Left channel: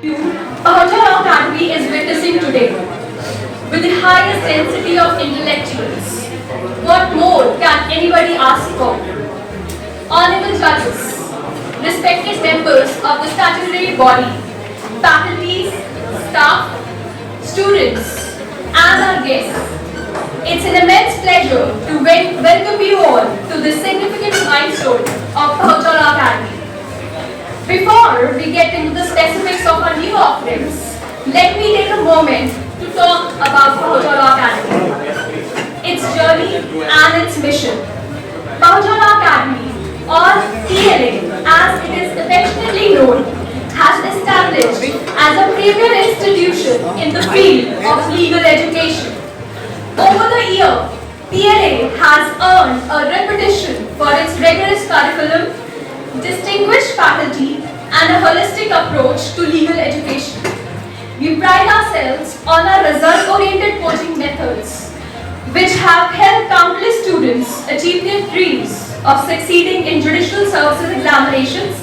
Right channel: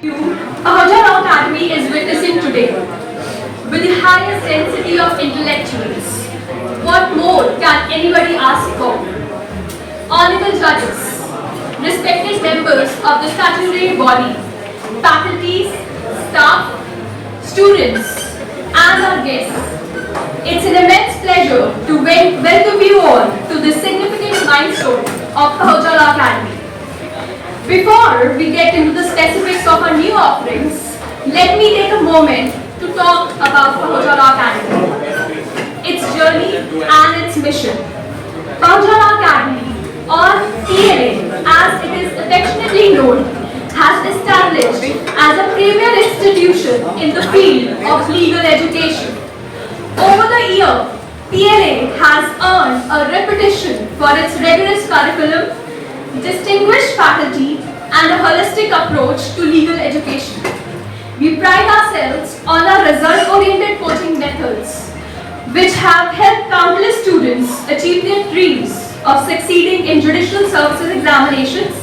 Pahajar Academy is witnessing today. With the highest density of intellectuals, what more can anybody ask for? Honorable judges, respected members of the statutory body, faculties, staff, students, and our guests, it's an immense pleasure to welcome you all to this significant milestone of Pahajar Academy. Before we get into the specifics of our new offerings, let me take a moment to talk about Pahajar Academy, its journey and its mission. Pahajar Academy, or PLA as it is affectionately known, has established as a premier institution in the field of legal education. Over the year, PLA has earned a reputation for its rigorous curriculum, distinguished faculty, and a holistic approach to legal education. We pride ourselves on our result-oriented coaching methods, which have helped countless students achieve their dreams of succeeding in judicial services examinations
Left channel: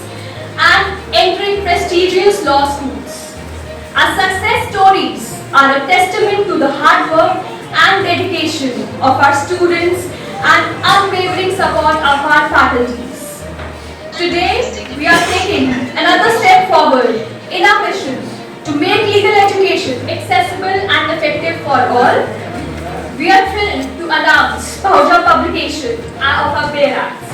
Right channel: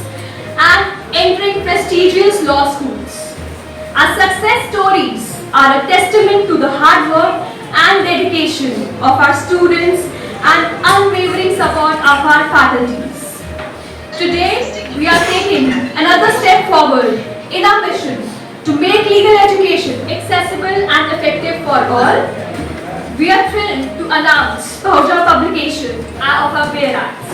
and entering prestigious law schools. Our success stories are a testament to the hard work and dedication of our students and unwavering support of our faculties. Today, we are taking another step forward in our mission to make legal education accessible and effective for all. We are thrilled to announce Pahajar publication of our BEAR Acts.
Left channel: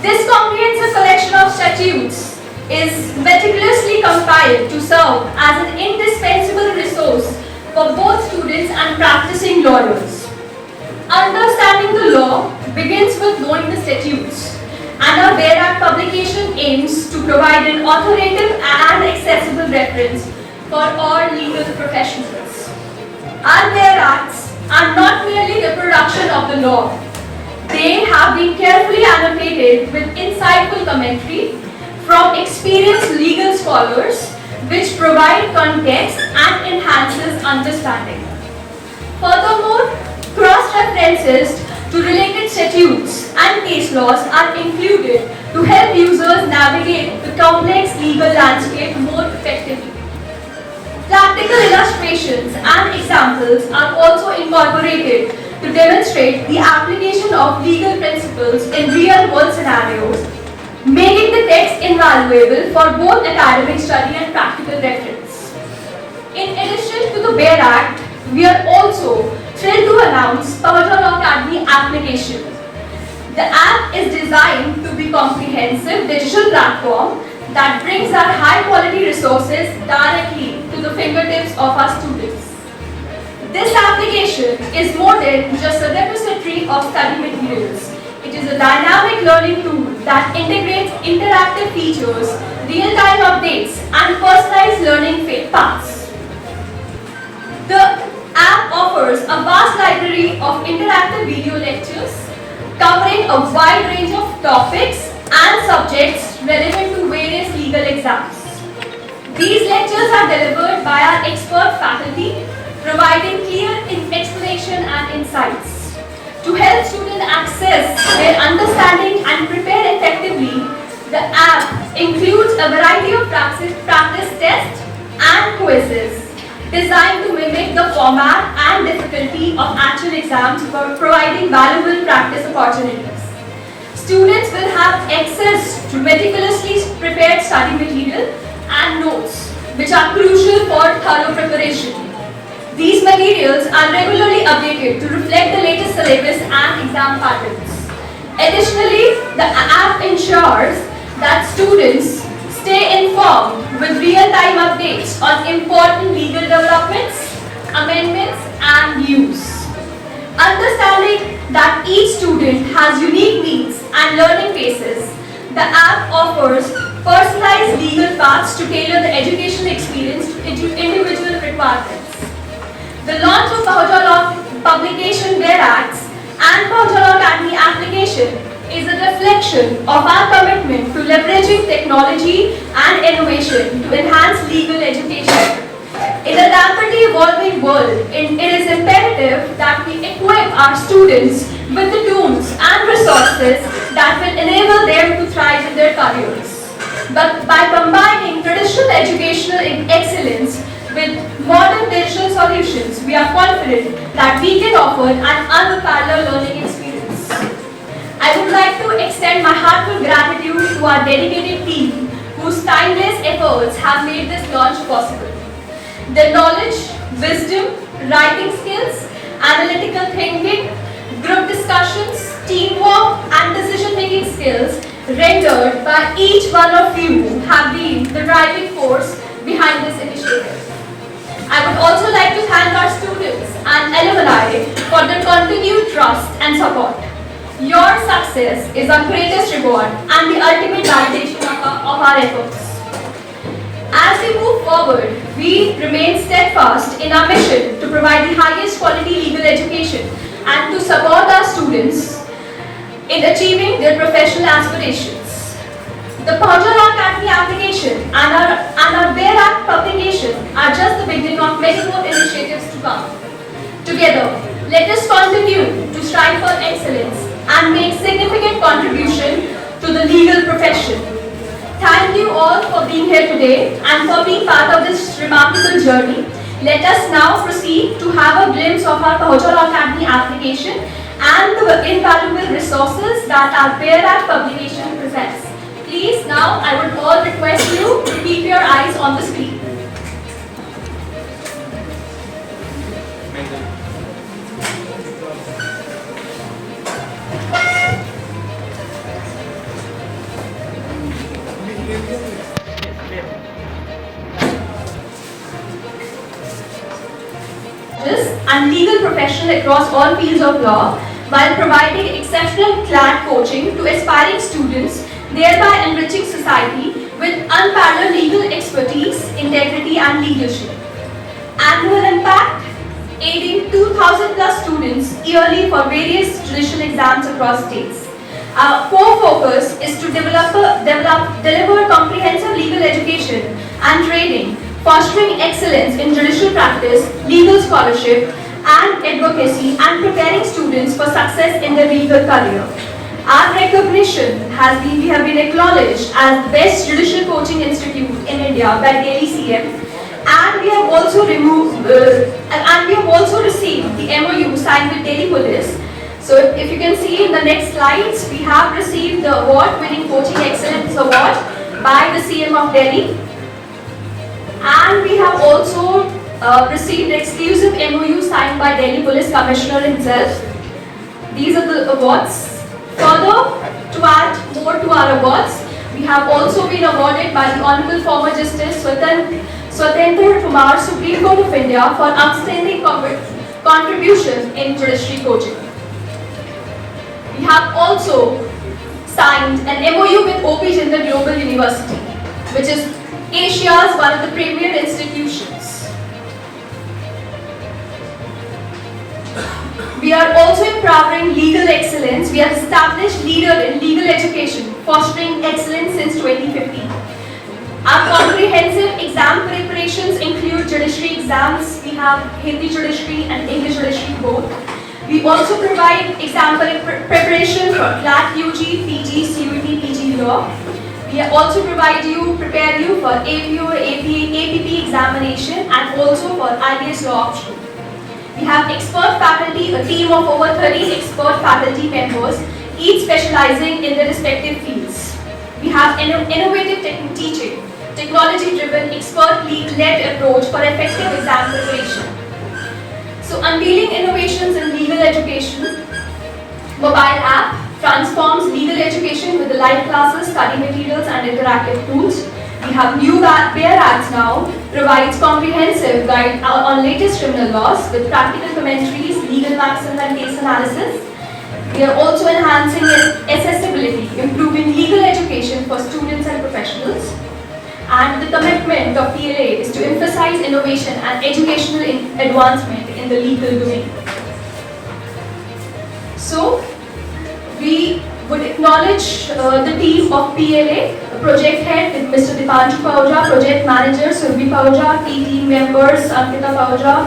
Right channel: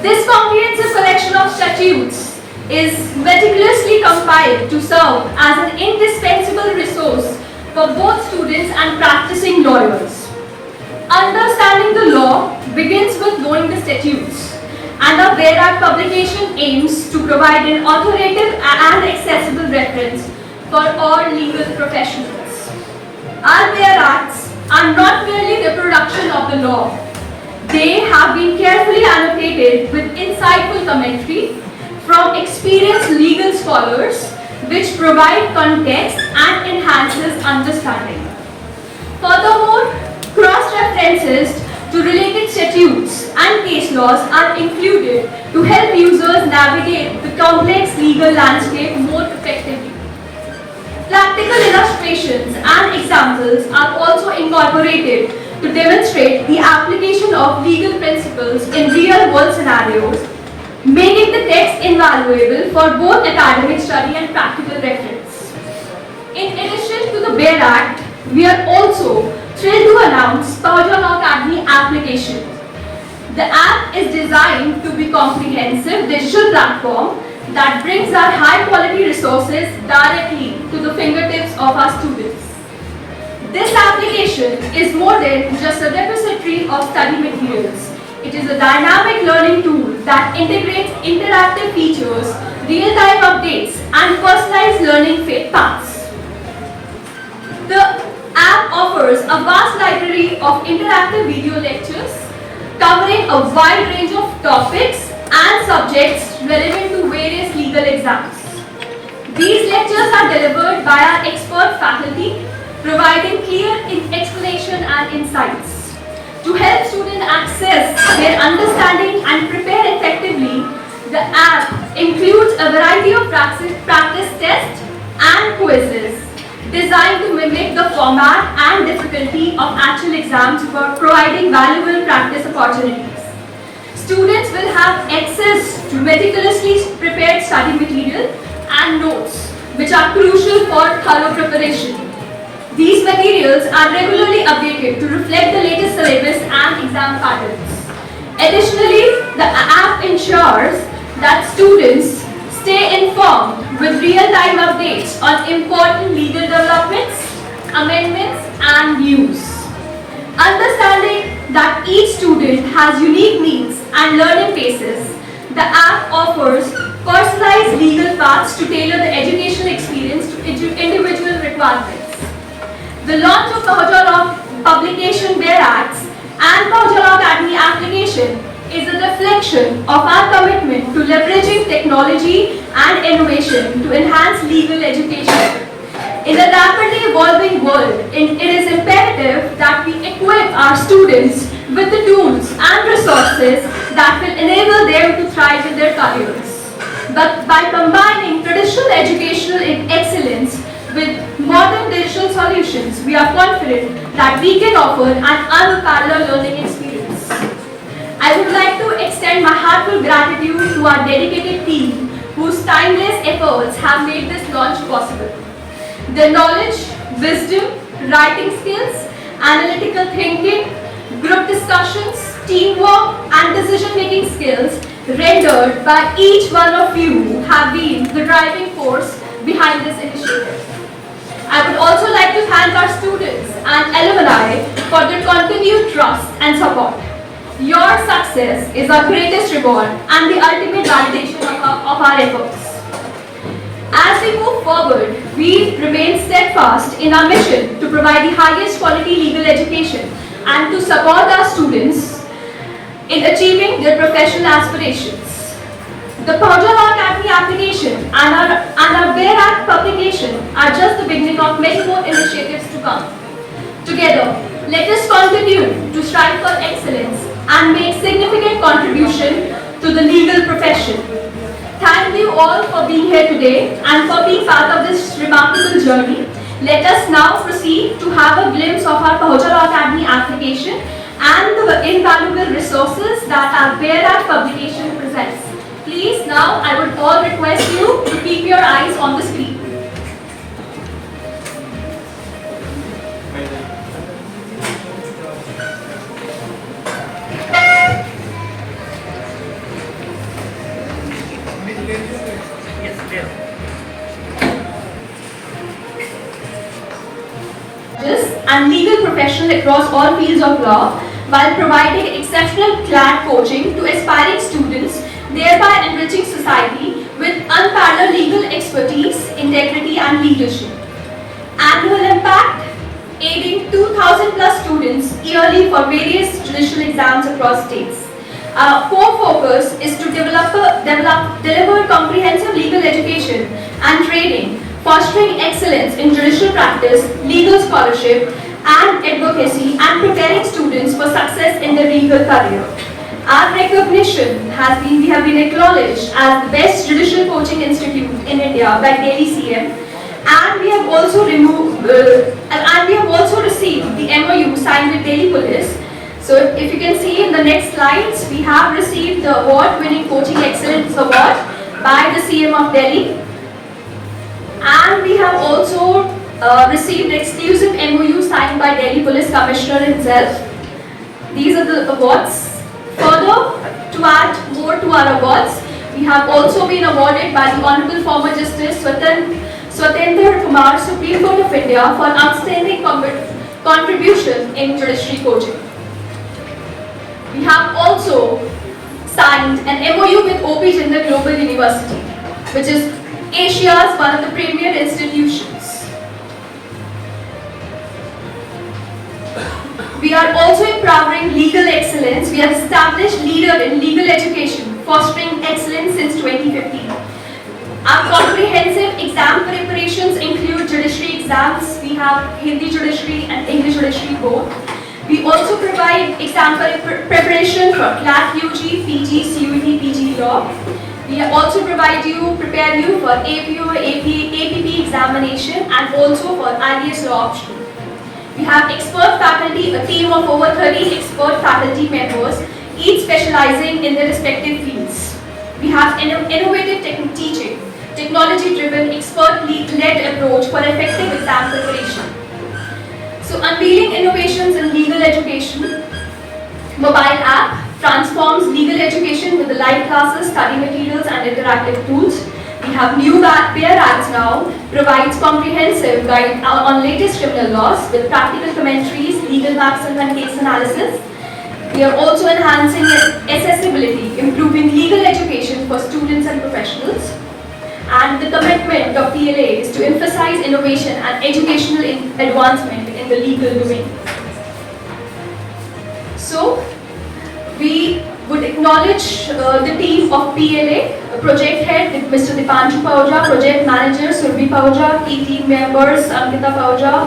This comprehensive collection of statutes is meticulously compiled to serve as an indispensable resource for both students and practicing lawyers. Understanding the law begins with knowing the statutes, and our BEAR Act publication aims to provide an authoritative and accessible reference for all legal professionals. Our BEAR Acts are not merely the production of the law. They have been carefully annotated with insightful commentary from experienced legal scholars, which provide context and enhances understanding. Furthermore, cross-references to related statutes and case laws are included to help users navigate the complex legal landscape more effectively. Practical illustrations and examples are also incorporated to demonstrate the application of legal principles in real-world scenarios, making the text invaluable for both academic study and practical reference. In addition to the BEAR Act, we are also thrilled to announce Pahajar Academy application. The app is designed to be a comprehensive digital platform that brings our high-quality resources directly to the fingertips of our students. This application is more than just a repository of study materials. It is a dynamic learning tool that integrates interactive features, real-time updates, and personalized learning paths. The app offers a vast library of interactive video lectures covering a wide range of topics and subjects relevant to various legal exams. These lectures are delivered by our expert faculty, providing clear explanation and insights. To help students access their understanding and prepare effectively, the app includes a variety of practice tests and quizzes designed to mimic the format and difficulty of actual exams for providing valuable practice opportunities. Students will have access to meticulously prepared study material and notes, which are crucial for thorough preparation. These materials are regularly updated to reflect the latest syllabus and exam patterns. Additionally, the app ensures that students stay informed with real-time updates on important legal developments, amendments, and news. Understanding that each student has unique needs and learning paces, the app offers personalized legal paths to tailor the educational experience to individual requirements. The launch of Pahajar publication BEAR Acts and Pahajar Academy application is a reflection of our commitment to leveraging technology and innovation to enhance legal education. In a rapidly evolving world, it is imperative that we equip our students with the tools and resources that will enable them to thrive in their careers. But by combining traditional educational excellence with modern digital solutions, we are confident that we can offer an unparalleled learning experience. I would like to extend my heartfelt gratitude to our dedicated team whose tireless efforts have made this launch possible. Their knowledge, wisdom, writing skills, analytical thinking, group discussions, teamwork and decision-making skills rendered by each one of you have been the driving force behind this initiative. I would also like to thank our students and alumni for their continued trust and support. Your success is our greatest reward and the ultimate validation of our efforts. As we move forward, we remain steadfast in our mission to provide the highest quality legal education and to support our students in achieving their professional aspirations. The Pahojara Academy application and our BEAR Act publication are just the beginning of many more initiatives to come. Together, let us continue to strive for excellence and make significant contribution to the legal profession. Thank you all for being here today and for being part of this remarkable journey. Let us now proceed to have a glimpse of our Pahojara Academy application and the invaluable resources that our BEAR Act publication presents. Please now, I would all request you to keep your eyes on the screen. And legal professional across all fields of law while providing exceptional CLAT coaching to aspiring students, thereby enriching society with unparalleled legal expertise, integrity and leadership. Annual impact, aiding 2,000 plus students yearly for various judicial exams across states. Our core focus is to deliver comprehensive legal education and training, fostering excellence in judicial practice, legal scholarship, and advocacy, and preparing students for success in their legal career. Our recognition has been, we have been acknowledged as the best judicial coaching institute in India by Delhi CM, and we have also received the MOU signed with Delhi Police. So if you can see in the next slides, we have received the award-winning Coaching Excellence Award by the CM of Delhi. And we have also received the exclusive MOU signed by Delhi Police Commissioner himself. These are the awards. Further, to add more to our awards, we have also been awarded by the Honorable Former Justice Swatendra Kumar, Supreme Court of India, for outstanding contribution in judiciary coaching. We have also signed an MOU with OP Jindal Global University, which is Asia's one of the premier institutions. We are also empowering legal excellence. We have established leader in legal education, fostering excellence since 2015. Our comprehensive exam preparations include judiciary exams. We have Hindi judiciary and English judiciary both. We also provide exam preparation for CLAT UG, PG, CUT, PG law. We also prepare you for APO, APP examination and also for IAS law option. We have expert faculty, a team of over 30 expert faculty members, each specializing in their respective fields. We have innovative teaching, technology-driven, expert-led approach for effective exam preparation. So, unveiling innovations in legal education, mobile app transforms legal education with the live classes, study materials and interactive tools. We have new BEAR Acts now, provides comprehensive guide on latest criminal laws with practical commentaries, legal maxims and case analysis. We are also enhancing accessibility, improving legal education for students and professionals. And the commitment of PLA is to emphasize innovation and educational advancement in the legal domain. So, we would acknowledge the team of PLA, project head with Mr. Dipanshu Pahojara, project manager Surbhi Pahojara, key team members Ankita Pahojara,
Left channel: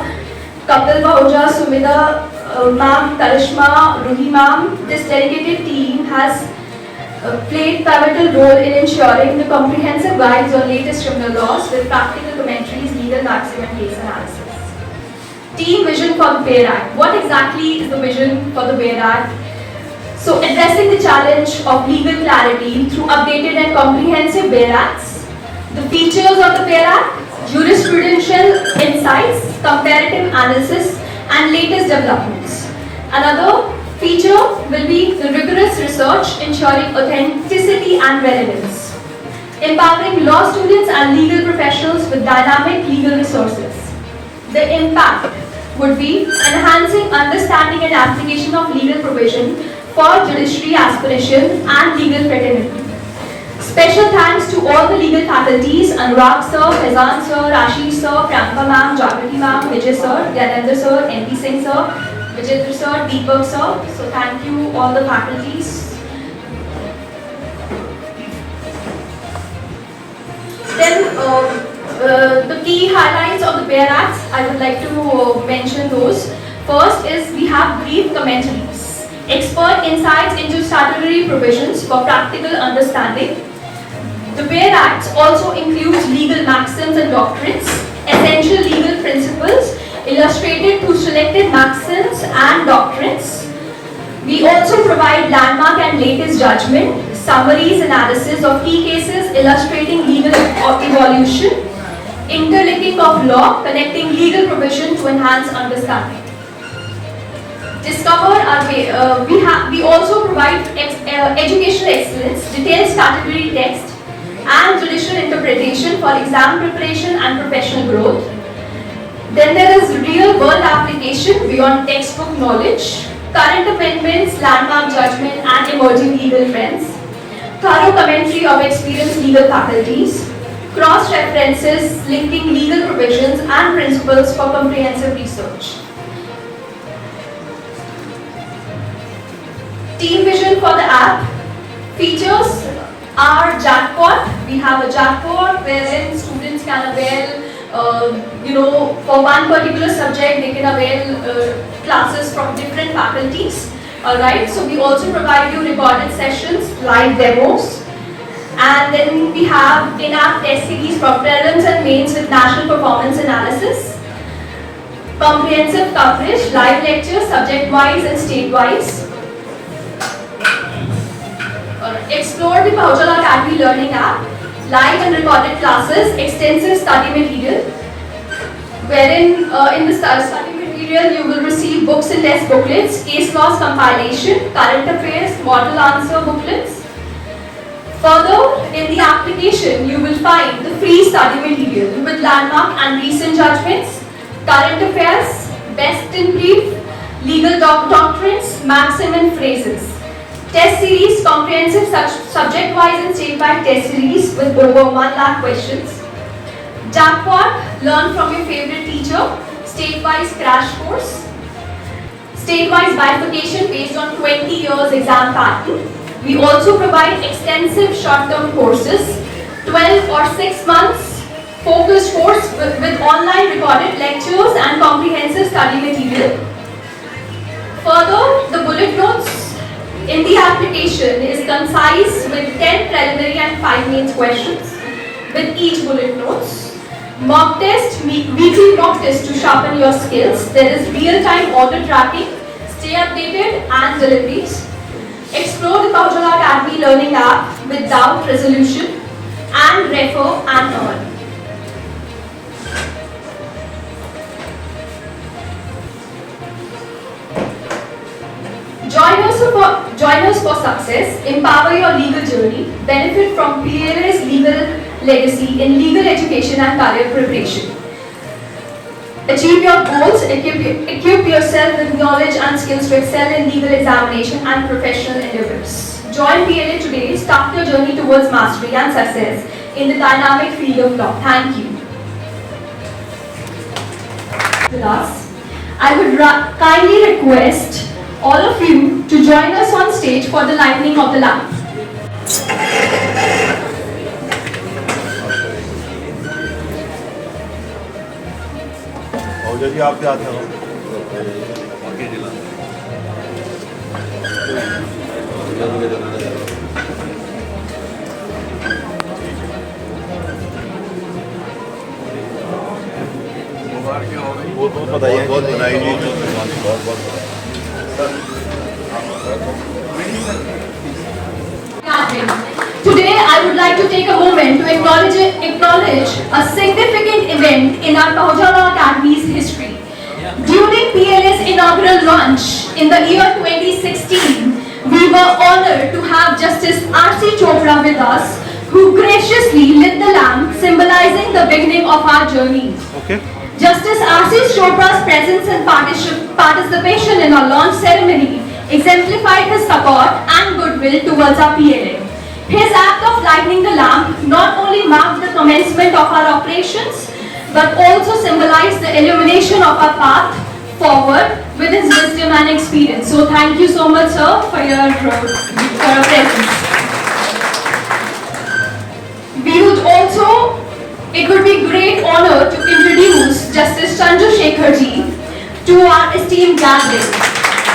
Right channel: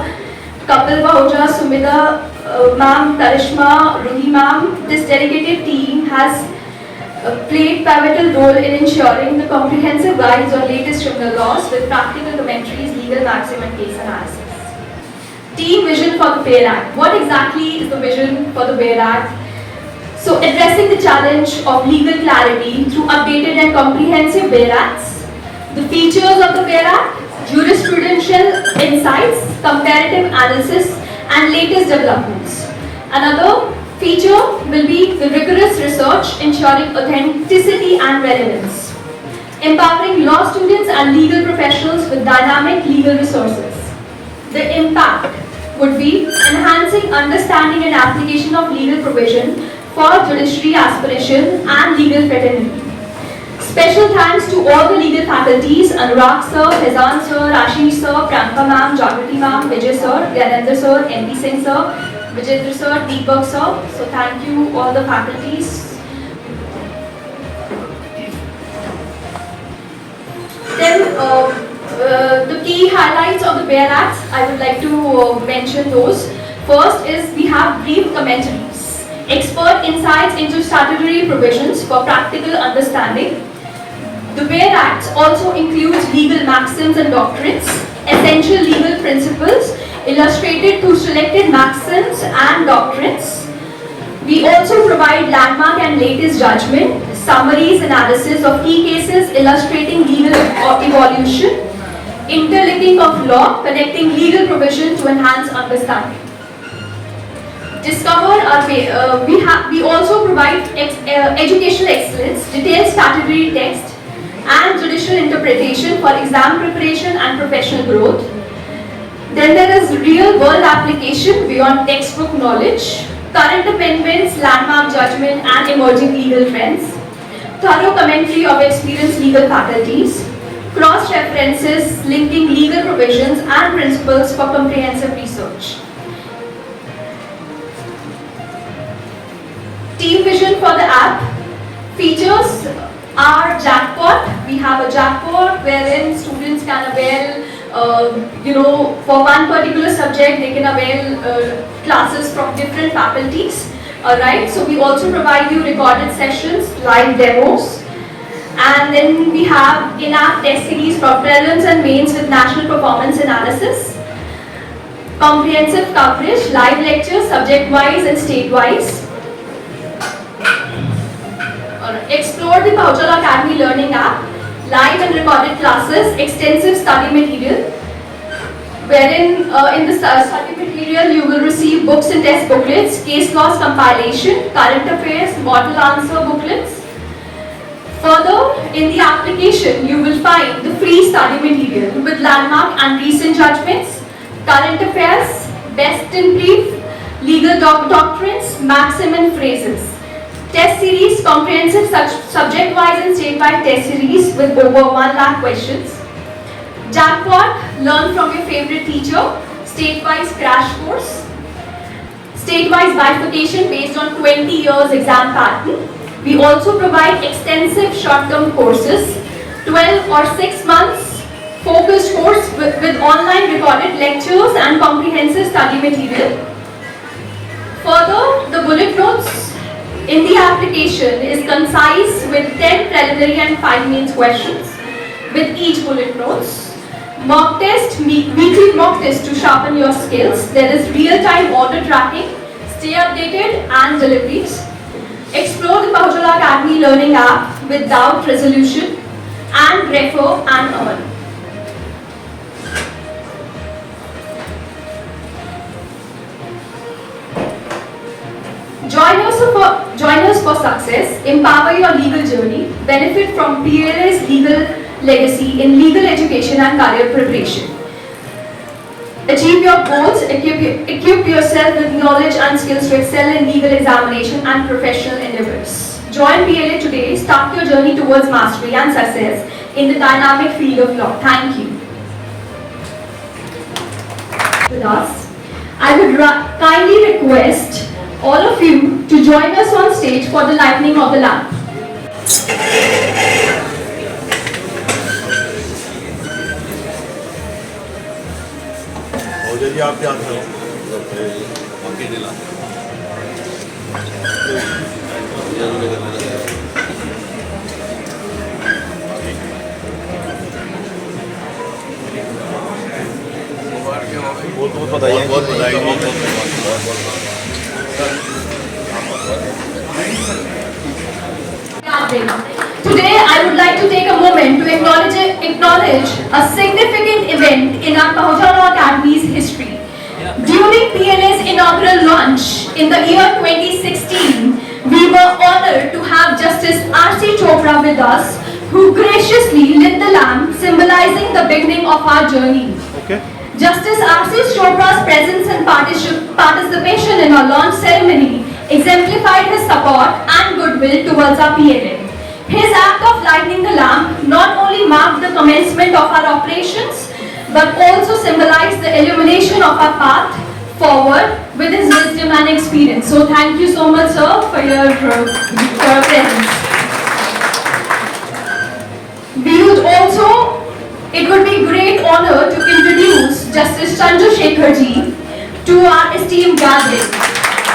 Kapil Pahojara, Sumita ma'am, Tarishma, Ruhi ma'am. This dedicated team has played pivotal role in ensuring the comprehensive guides on latest criminal laws with practical commentaries, legal maxim and case analysis. Team vision for the BARE Act. What exactly is the vision for the BARE Act? So, addressing the challenge of legal clarity through updated and comprehensive BARE Acts. The features of the BARE Act: jurisprudential insights, comparative analysis, and latest developments. Another feature will be the rigorous research ensuring authenticity and relevance. Empowering law students and legal professionals with dynamic legal resources. The impact would be enhancing understanding and application of legal provision for judiciary aspiration and legal fraternity. Special thanks to all the legal faculties, Anurag sir, Hezan sir, Ashish sir, Priyanka ma'am, Jagriti ma'am, Vijay sir, Gyanendra sir, NP Singh sir, Vijay sir, Deepak sir. So thank you all the faculties. Then the key highlights of the BARE Acts, I would like to mention those. First is we have brief commentaries, expert insights into statutory provisions for practical understanding. The BARE Acts also includes legal maxims and doctrines, essential legal principles illustrated through selected maxims and doctrines. We also provide landmark and latest judgment, summaries, analysis of key cases illustrating legal evolution, interlinking of law, connecting legal provision to enhance understanding. Discover our way. We also provide educational excellence, detailed statutory text, and judicial interpretation for exam preparation and professional growth. Then there is real world application beyond textbook knowledge, current amendments, landmark judgment, and emerging legal trends, thorough commentary of experienced legal faculties, cross references linking legal provisions and principles for comprehensive research. Team vision for the app. Features are jackpot. We have a jackpot wherein students can avail, for one particular subject they can avail classes from different faculties. Alright, so we also provide you recorded sessions, live demos. And then we have in-app test series for prelims and mains with national performance analysis. Comprehensive coverage, live lectures, subject-wise and state-wise. Explore the Bahujala Academy Learning app, live and recorded classes, extensive study material, wherein in the study material you will receive books and test booklets, case laws compilation, current affairs, model answer booklets. Further, in the application you will find the free study material with landmark and recent judgments, current affairs, best in brief, legal doctrines, maxim and phrases. Test series, comprehensive subject-wise and state-wide test series with over 1 lakh questions. Jackpot, learn from your favorite teacher, state-wise crash course. State-wise bifurcation based on 20 years exam pattern. We also provide extensive short-term courses, 12 or 6 months focused course with online recorded lectures and comprehensive study material. Further, the bullet notes in the application is concise with 10 preliminary and 5 mains questions with each bullet notes. Mock test, weekly mock test to sharpen your skills. There is real-time order tracking, stay updated and deliveries. Explore the Bahujala Academy Learning app with doubt resolution and refer and earn. Join us for success, empower your legal journey, benefit from PLA's legal legacy in legal education and career preparation. Achieve your goals, equip yourself with knowledge and skills to excel in legal examination and professional endeavors. Join PLA today, start your journey towards mastery and success in the dynamic field of law. Thank you. With us, I would kindly request all of you to join us on stage for the lighting of the lamp. जी आप क्या था बाकी जिला बहुत बधाई, बहुत Today, I would like to take a moment to acknowledge a significant event in our Pahojala Academy's history. During PLA's inaugural launch in the year 2016, we were honored to have Justice R.C. Chopra with us, who graciously lit the lamp, symbolizing the beginning of our journey. Okay. Justice R.C. Chopra's presence and participation in our launch ceremony exemplified his support and goodwill towards our PLA. His act of lighting the lamp not only marked the commencement of our operations, but also symbolized the illumination of our path forward with his wisdom and experience. So thank you so much, sir, for your presence. It would be great honor to introduce Justice Chandrasekhar ji to our esteemed gathering.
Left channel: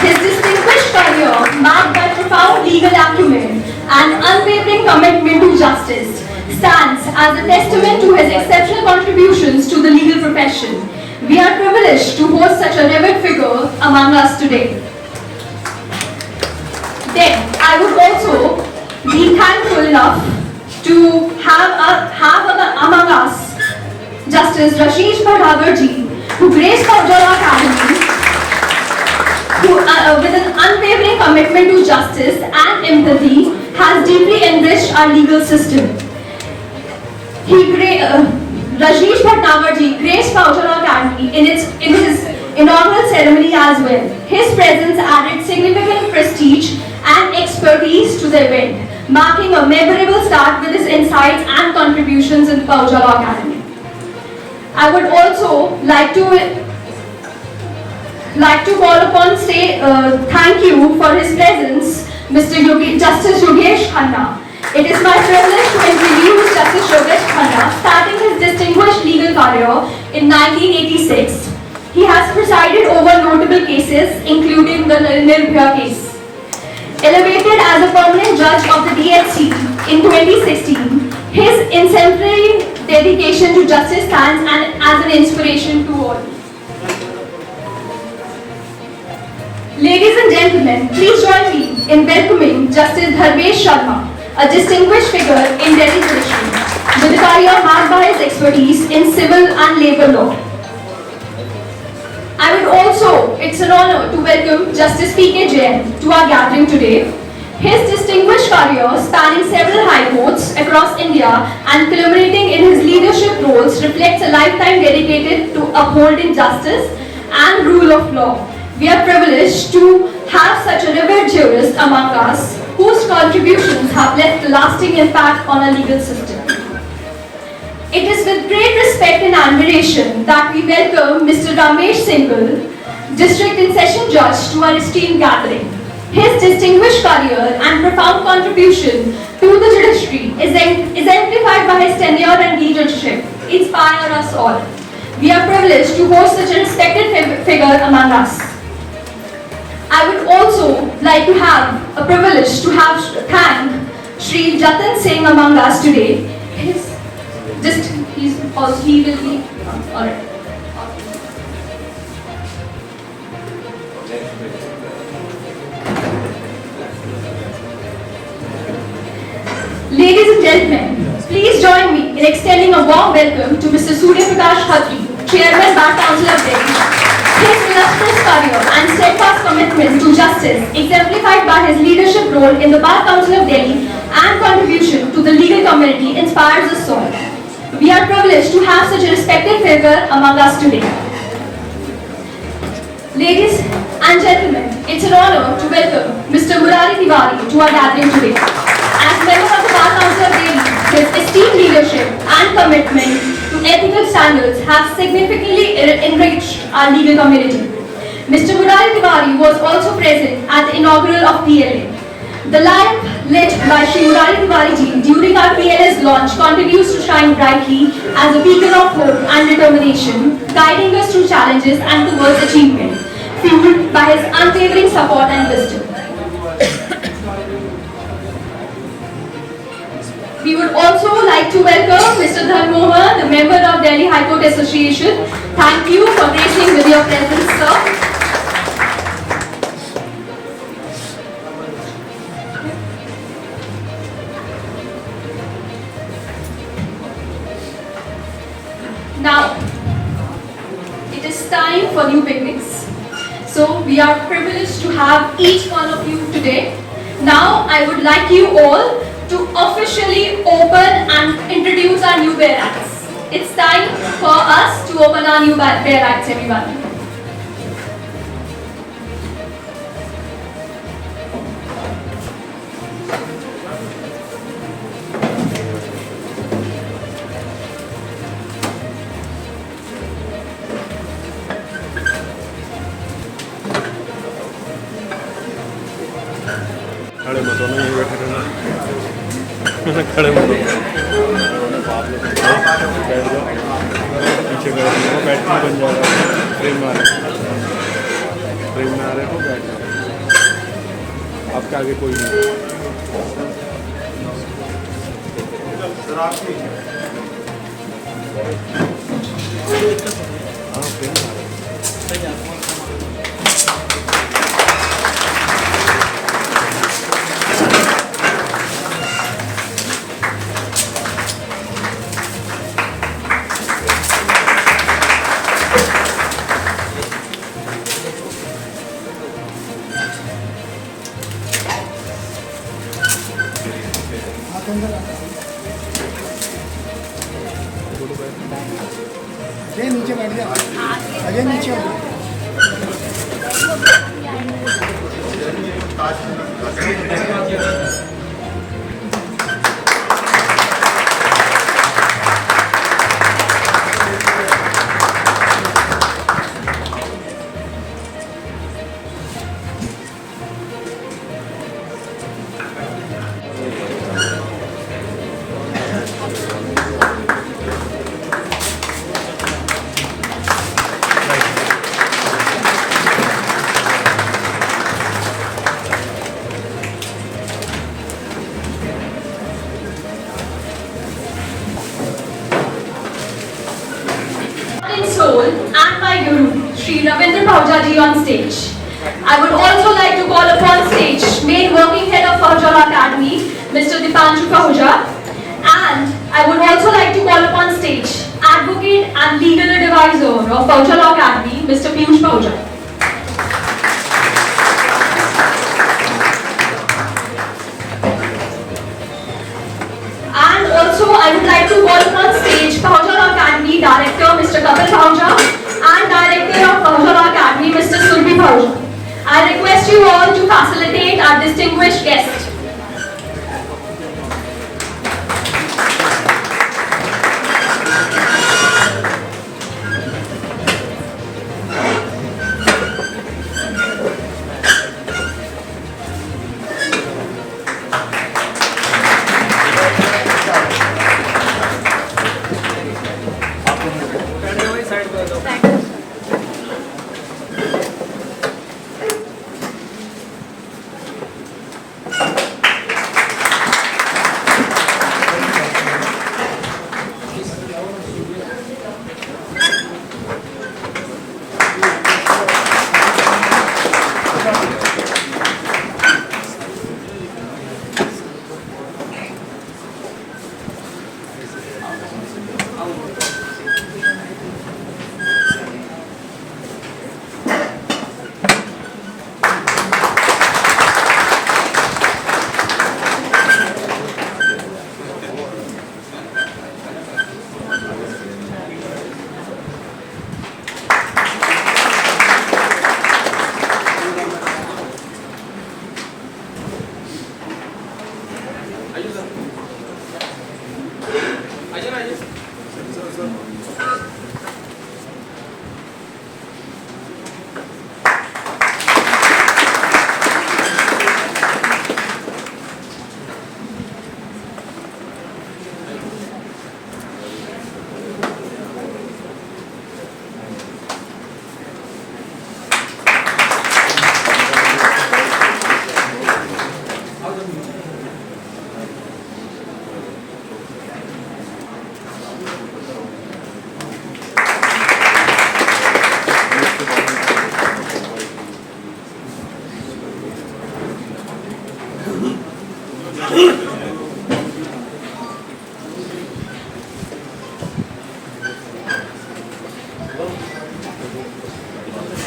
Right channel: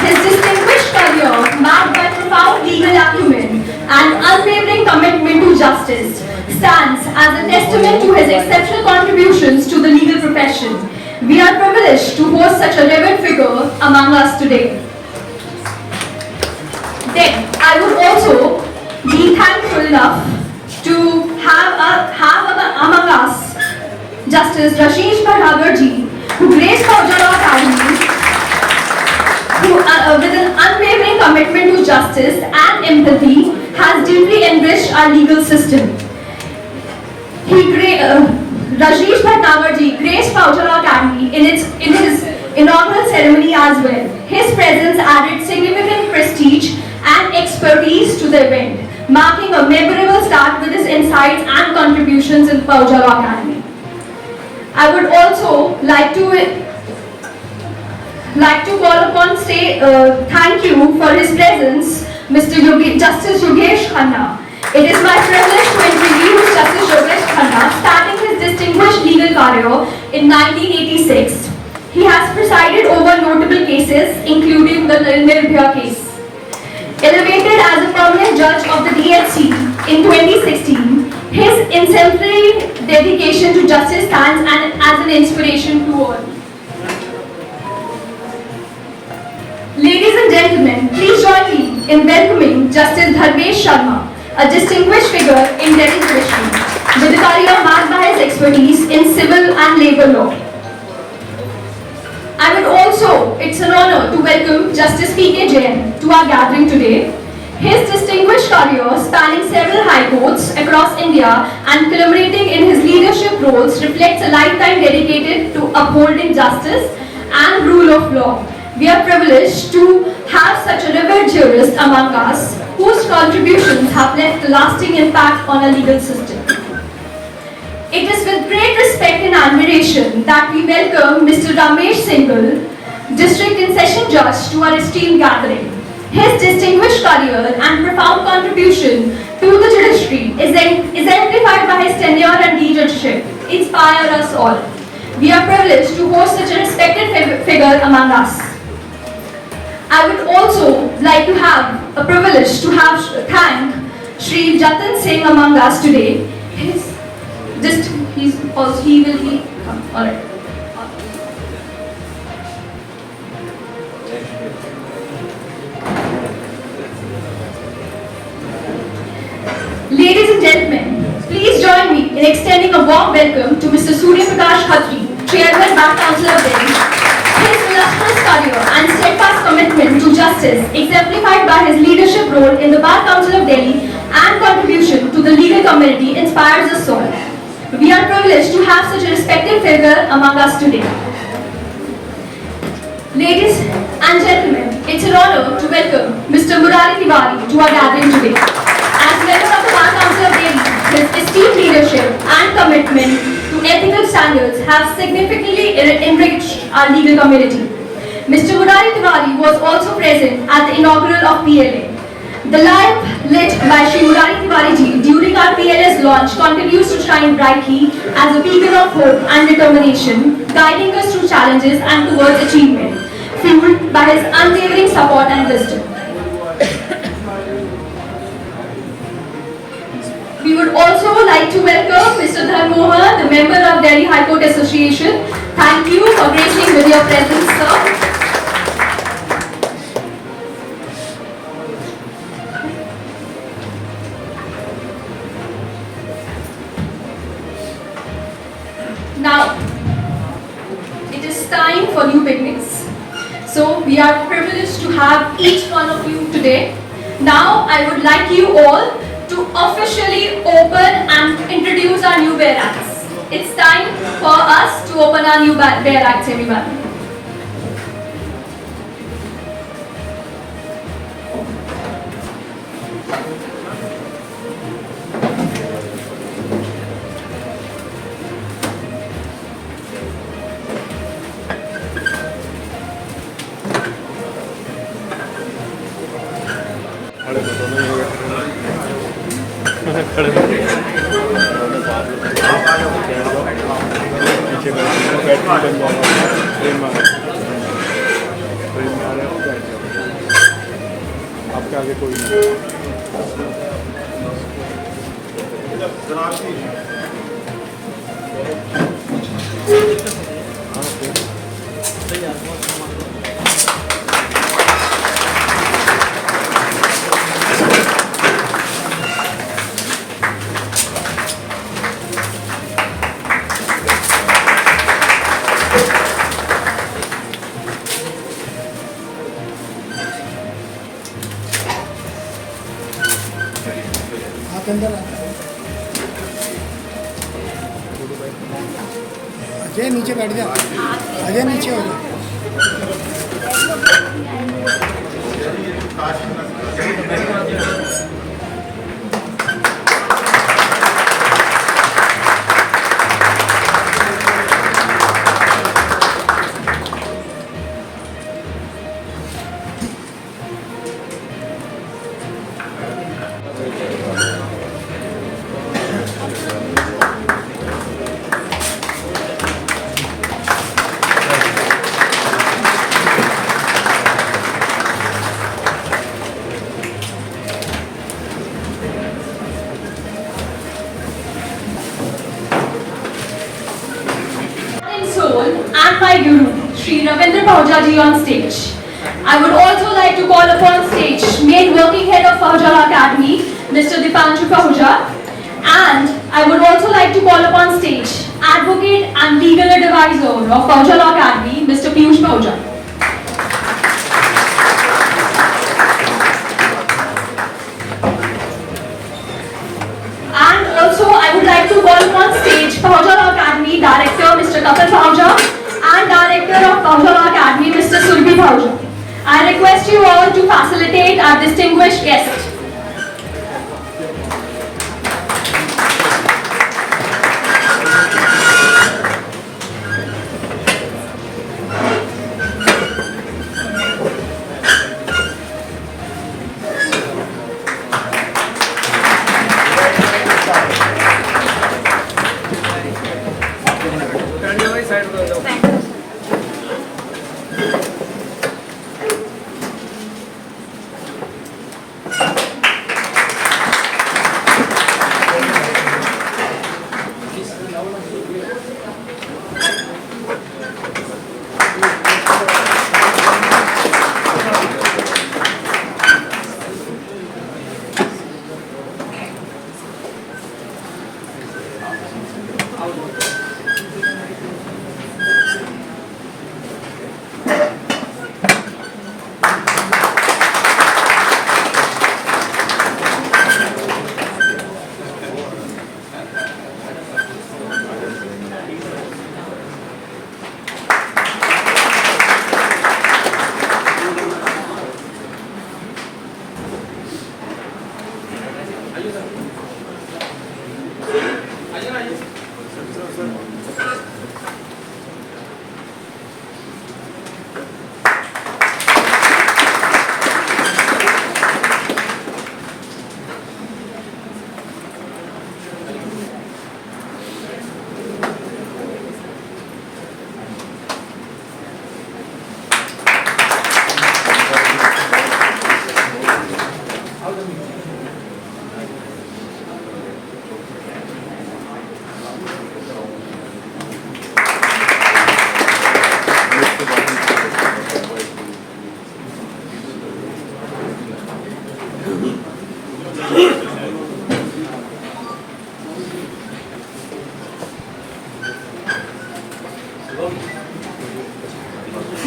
His distinguished career, marked by profound legal acumen and unwavering commitment to justice, stands as a testament to his exceptional contributions to the legal profession. We are privileged to host such a revered figure among us today. Then, I would also be thankful enough to have among us Justice Rashesh Bhadhagar ji, who graced Pahojala Academy, who with an unwavering commitment to justice and empathy has deeply enriched our legal system. Rashesh Bhadhagar ji graced Pahojala Academy in his inaugural ceremony as well. His presence added significant prestige and expertise to the event, marking a memorable start with his insights and contributions in Pahojala Academy. I would also like to call upon thank you for his presence, Justice Yogesh Khanna. It is my privilege to introduce Justice Yogesh Khanna, starting his distinguished legal career in 1986. He has presided over notable cases, including the Nirbhaya case. Elevated as a permanent judge of the DHC in 2016, his exemplary dedication to justice stands as an inspiration to all. Ladies and gentlemen, please join me in welcoming Justice Dharmesh Sharma, a distinguished figure in Delhi judiciary, with a career marked by his expertise in civil and labor law. It's an honor to welcome Justice P.K. Jain to our gathering today. His distinguished career, spanning several high courts across India and culminating in his leadership roles, reflects a lifetime dedicated to upholding justice and rule of law. We are privileged to have such a revered jurist among us, whose contributions have left a lasting impact on our legal system. It is with great respect and admiration that we welcome Mr. Ramesh Singhal, District and Session Judge, to our esteemed gathering. His distinguished career and profound contribution to the judiciary is exemplified by his tenure and leadership, inspire us all. We are privileged to host such a respected figure among us. I would also like to have a privilege to thank Shri Jatin Singh among us today. He will be all right. Ladies and gentlemen, please join me in extending a warm welcome to Mr. Surya Prakash Khatri, Chairman Bar Council of Delhi. His illustrious career and steadfast commitment to justice, exemplified by his leadership role in the Bar Council of Delhi and contribution to the legal community, inspires us all. We are privileged to have such a respected figure among us today. Ladies and gentlemen, it's an honor to welcome Mr. Murari Tiwari to our gathering today. As member of the Bar Council of Delhi, his esteemed leadership and commitment to ethical standards have significantly enriched our legal community. Mr. Murari Tiwari was also present at the inaugural of PLA. The lamp lit by Shri Murari Tiwari ji during our PLA's launch continues to shine brightly as a beacon of hope and determination, guiding us through challenges and towards achievement, fueled by his unwavering support and wisdom. We would also like to welcome Mr. Dharmohar, the member of Delhi High Court Association. Thank you for gracing with your presence, sir. Now, it is time for new beginnings. So, we are privileged to have each one of you today. Now, I would like you all to officially open and introduce our new bear acts. It's time for us to open our new bear acts, everyone. खड़े मत होना, ये बैठे रहना। खड़े मत बैठ जाओ, पीछे बैठ जाओ, बैटरी बन जाएगा, ट्रेन में आ रहे हो बैठ जाओ, आपका आगे कोई नहीं। अजय नीचे बैठ गया, अजय नीचे हो गया। In soul and my guru, Sri Ravindra Pahuja ji on stage. I would also like to call upon stage main working head of Pahuja Academy, Mr. Dipanshu Pahuja, and I would also like to call upon stage advocate and legal advisor of Pahuja Academy, Mr. Piyush Pahuja. And also, I would like to call upon stage Pahuja Academy Director Mr. Kapil Pahuja and Director of Pahuja Academy Mr. Surabhi Pahuja. I request you all to facilitate our distinguished guest.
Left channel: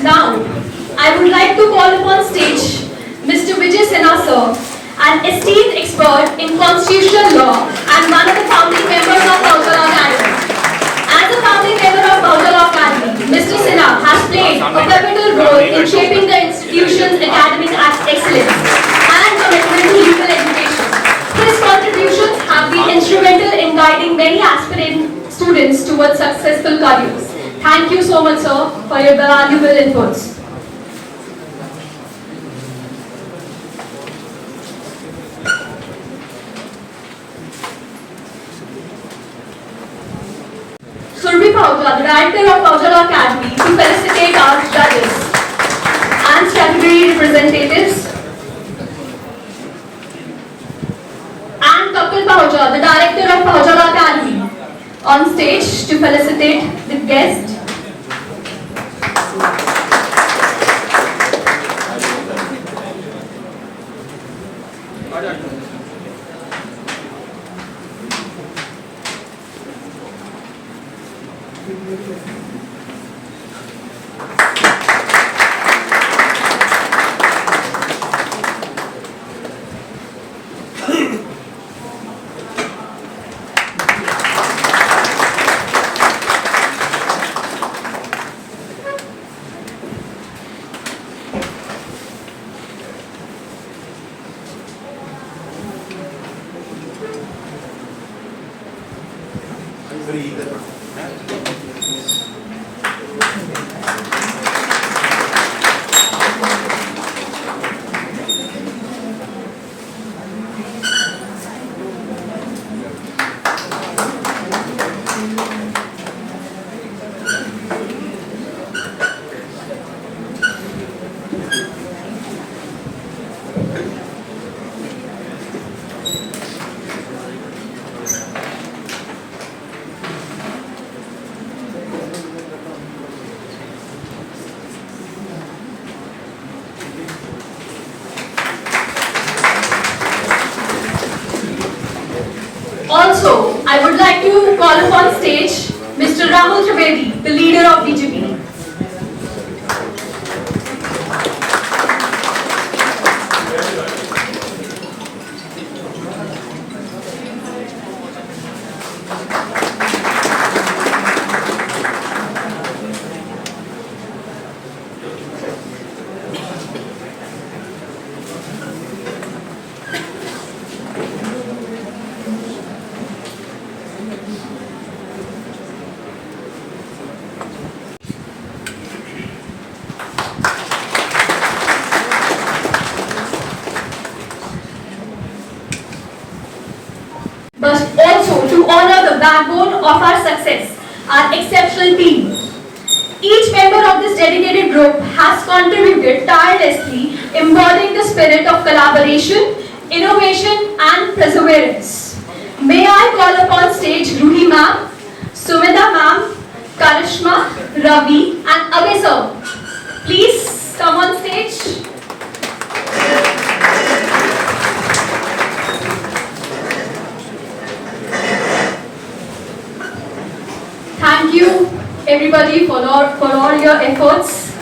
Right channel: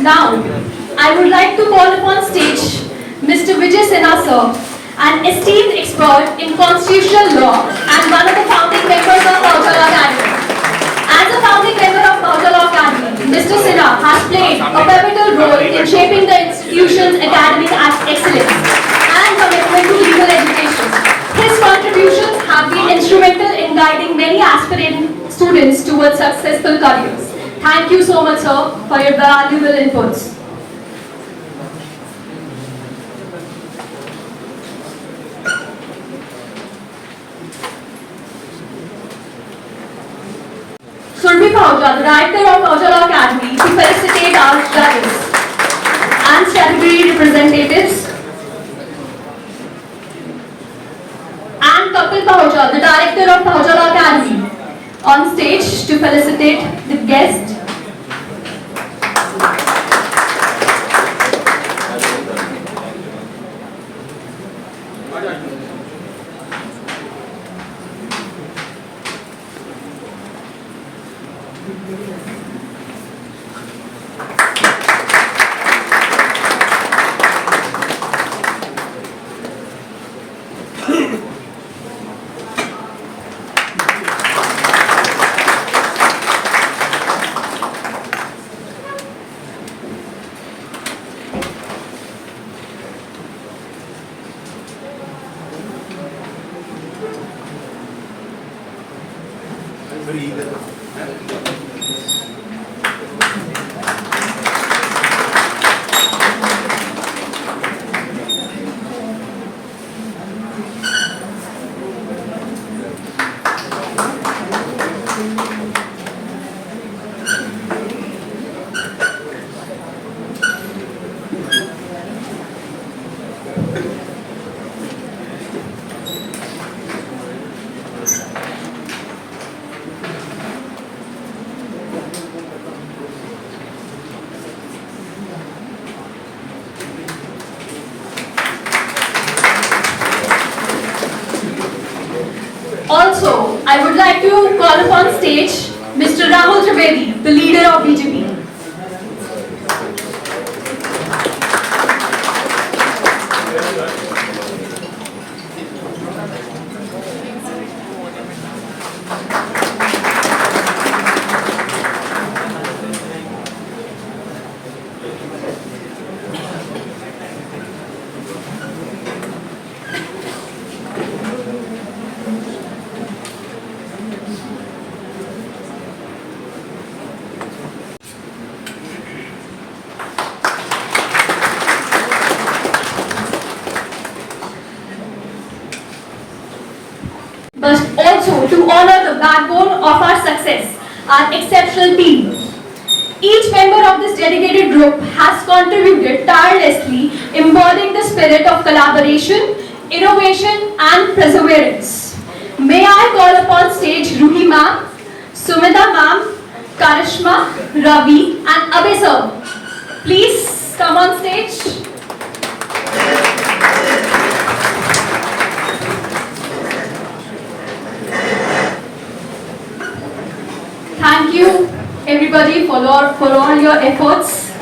Now, I would like to call upon stage Mr. Vijay Sinha sir, an esteemed expert in constitutional law and one of the founding members of Paujala Academy. As a founding member of Paujala Academy, Mr. Sinha has played a pivotal role in shaping the institution's academic excellence and commitment to legal education. His contributions have been instrumental in guiding many aspiring students towards successful careers. Thank you so much, sir, for your valuable inputs. Surabhi Paujala, the director of Paujala Academy, to felicitate our judges and category representatives. And Kapil Paujala, the director of Paujala Academy, on stage to felicitate the guest. Also, I would like to call upon stage Mr. Rahul Trivedi, the leader of BJP. But also to honor the backbone of our success, our exceptional team. Each member of this dedicated group has contributed tirelessly, embodying the spirit of collaboration, innovation and perseverance. May I call upon stage Ruhi ma'am, Sumita ma'am, Karishma, Ravi and Abhay sir. Please come on stage. Thank you everybody for all your efforts.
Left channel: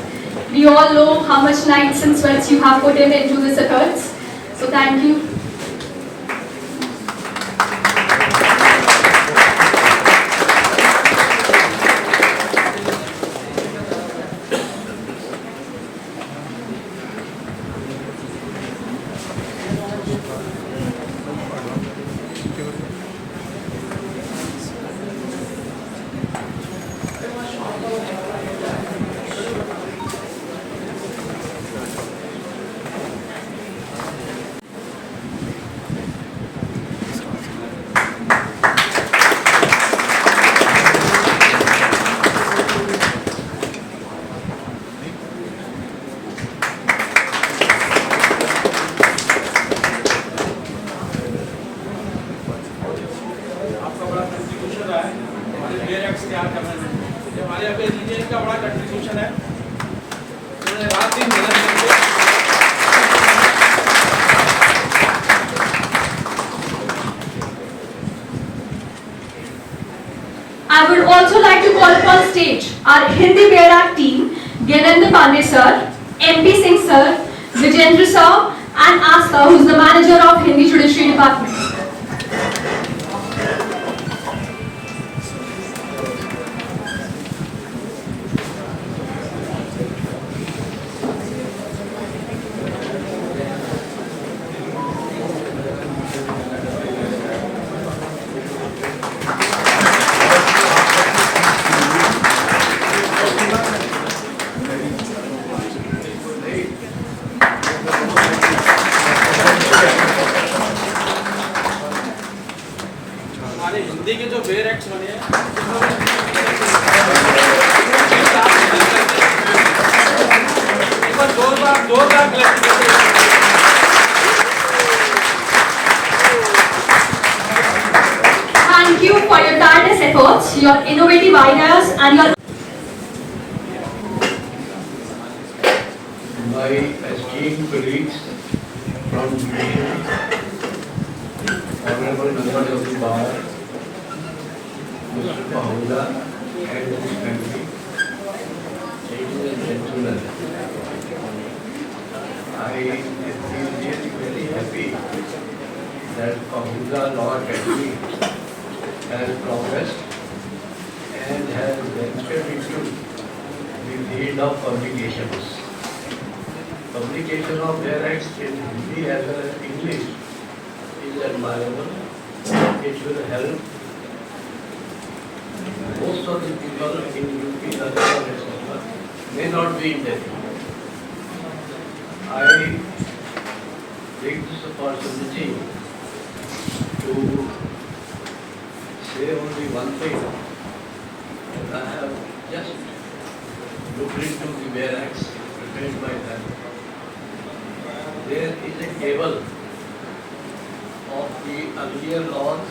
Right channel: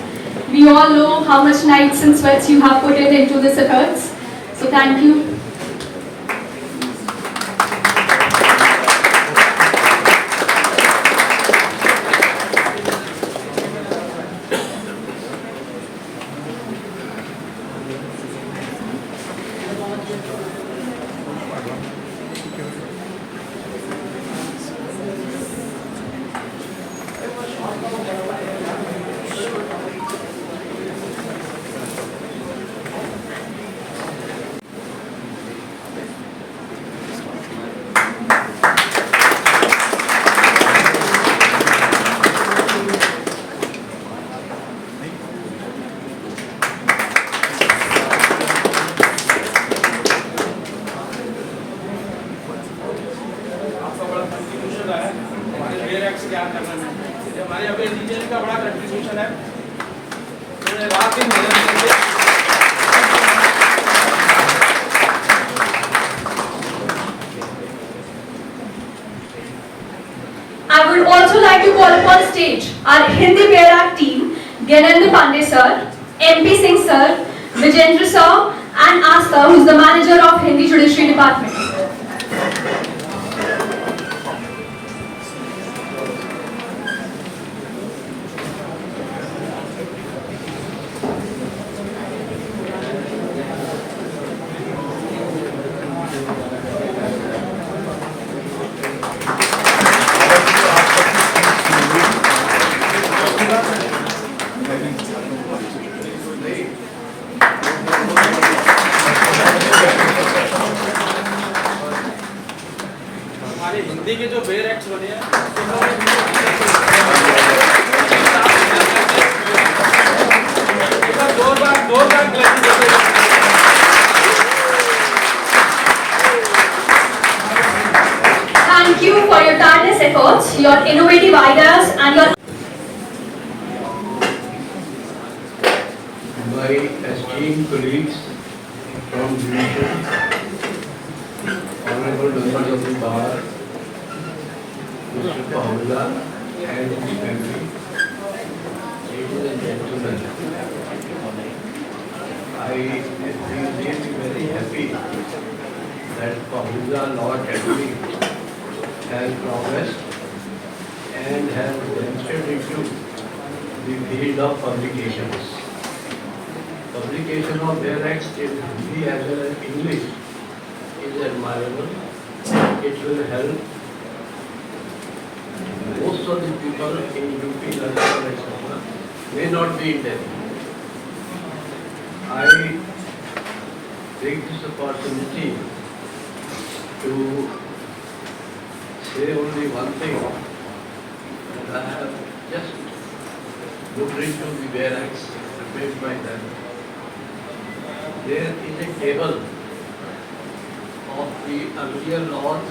We all know how much nights and sweats you have put into this efforts. So thank you. हमारे अभी engineering का बड़ा contribution है। उन्होंने रात दिन मेहनत की है। I would also like to call upon stage our Hindi Berak team, Gyanendra Pandey sir, MP Singh sir, Vijendra sir, and us sir, who is the manager of Hindi Judiciary Department. हमारे हिंदी के जो bear acts बने हैं एक बार जोरदार clapping देते हैं। Thank you for your tireless efforts, your innovative ideas, and your My esteemed colleagues from judiciary, honorable members of the bar, Mr. Bahula and his family, ladies and gentlemen, I feel really very happy that Bahula Law Academy has progressed and has ventured into the field of publications. Publication of their acts in Hindi as well as English is admirable. It will help most of the people in UP, Rajasthan, etc. may not be in Delhi. I take this opportunity to say only one thing, that I have just looked into the Bare Acts prepared by them. There is a table of the earlier laws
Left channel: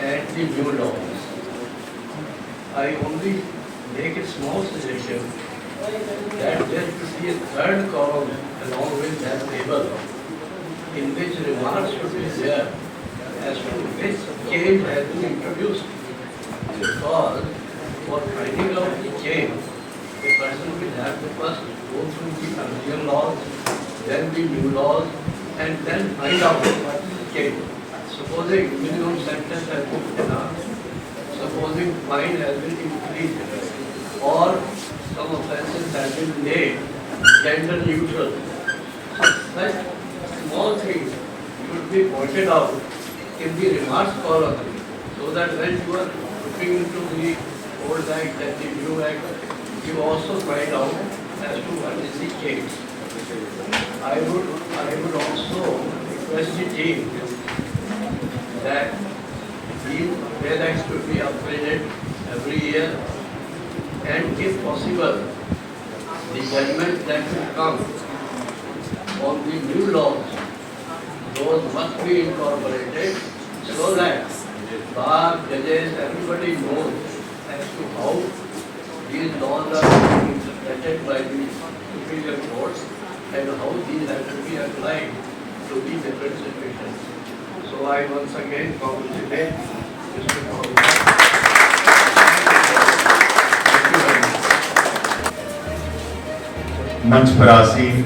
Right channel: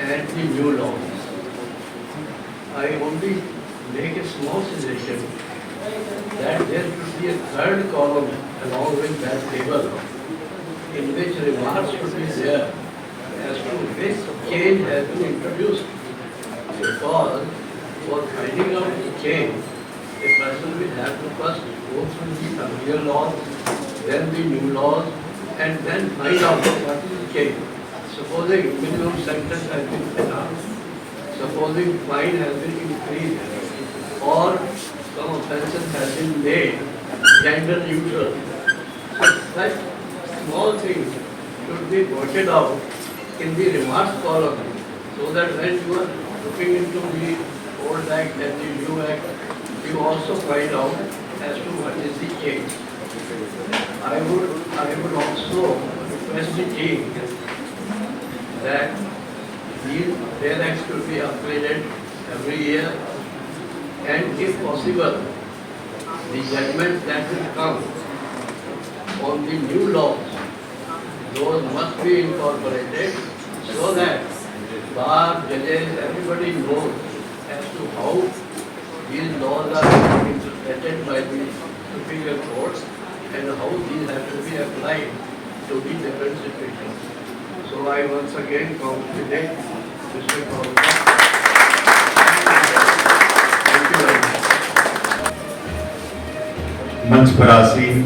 and the new laws. I only make a small suggestion that there should be a third column along with that table in which remarks should be there as to which change has been introduced. Because for finding out the change, a person will have to first go through the earlier laws, then the new laws, and then find out what is the change. Supposing minimum sentence has been enhanced, supposing fine has been increased, or some offences has been made gender neutral. Such small things should be pointed out in the remarks column, so that when you are looking into the old act and the new act, you also find out as to what is the change. I would also request the team that these Bare Acts should be upgraded every year, and if possible, the judgment that will come on the new laws, those must be incorporated so that bar, judges, everybody knows as to how these laws are being interpreted by the superior courts and how these have to be applied to the different situations. So I once again congratulate Mr. Bahula. Thank you very much. मंच पर आसीन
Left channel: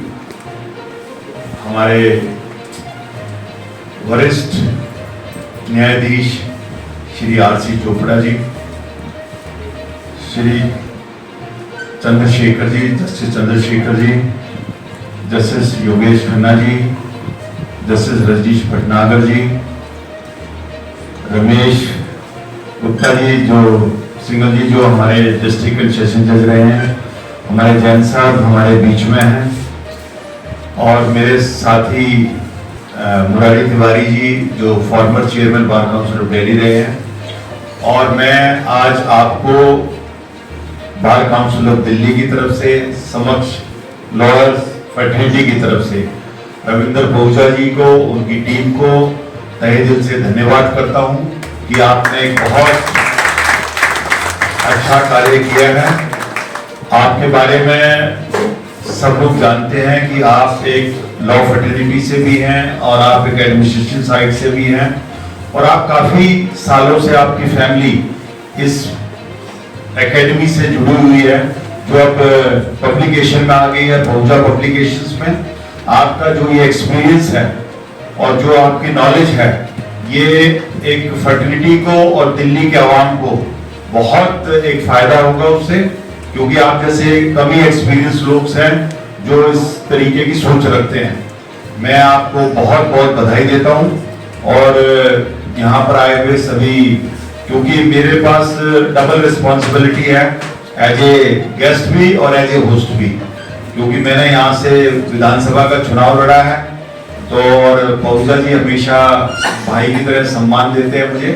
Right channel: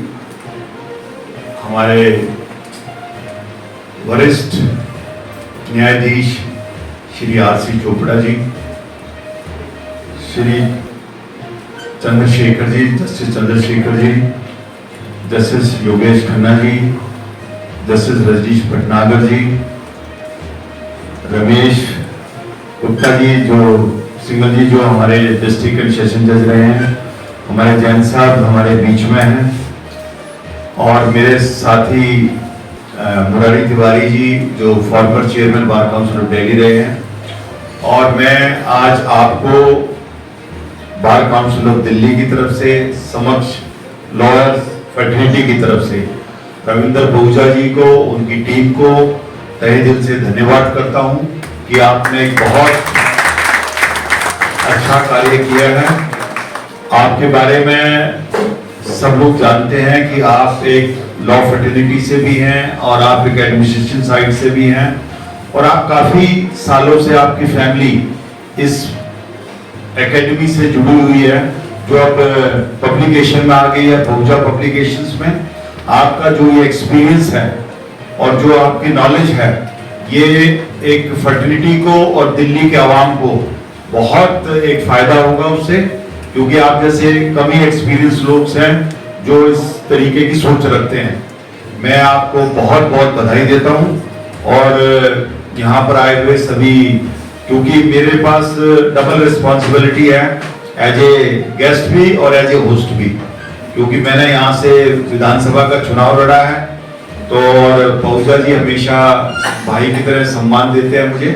हमारे वरिष्ठ न्यायाधीश Shri RC. Chopra ji, Shri Chandrashekhar ji, justice Chandrashekhar ji, justice Yogesh Khanna ji, justice Rajneesh Bhatnagar जी, रमेश गुप्ता जी जो single जी जो हमारे district and session जज रहे हैं, हमारे जैन साहब हमारे बीच में हैं, और मेरे साथी मुरारी तिवारी जी जो former chairman bar council of Delhi रहे हैं, और मैं आज आपको बार काउंसिल ऑफ दिल्ली की तरफ से, समक्ष लॉयर्स फैटर्निटी की तरफ से रविंदर बहुजा जी को, उनकी टीम को तहे दिल से धन्यवाद करता हूं कि आपने बहुत अच्छा कार्य किया है। आपके बारे में सब लोग जानते हैं कि आप एक लॉ फैटर्निटी से भी हैं और आप एक एडमिनिस्ट्रेशन साइड से भी हैं, और आप काफी सालों से आपकी फैमिली इस एकेडमी से जुड़ी हुई है जो अब पब्लिकेशन में आ गई है, पहुंचा पब्लिकेशंस में, आपका जो ये एक्सपीरियंस है और जो आपकी नॉलेज है, ये एक फर्टिलिटी को और दिल्ली के आवाम को बहुत एक फायदा होगा उससे, क्योंकि आप जैसे कम ही एक्सपीरियंस लोग हैं जो इस तरीके की सोच रखते हैं। मैं आपको बहुत बहुत बधाई देता हूं और यहाँ पर आए हुए सभी, क्योंकि मेरे पास डबल रिस्पॉन्सिबिलिटी है, एज ए गेस्ट भी और एज ए होस्ट भी, क्योंकि मैंने यहाँ से विधानसभा का चुनाव लड़ा है। तो और पहुजा जी हमेशा भाई की तरह सम्मान देते हैं मुझे,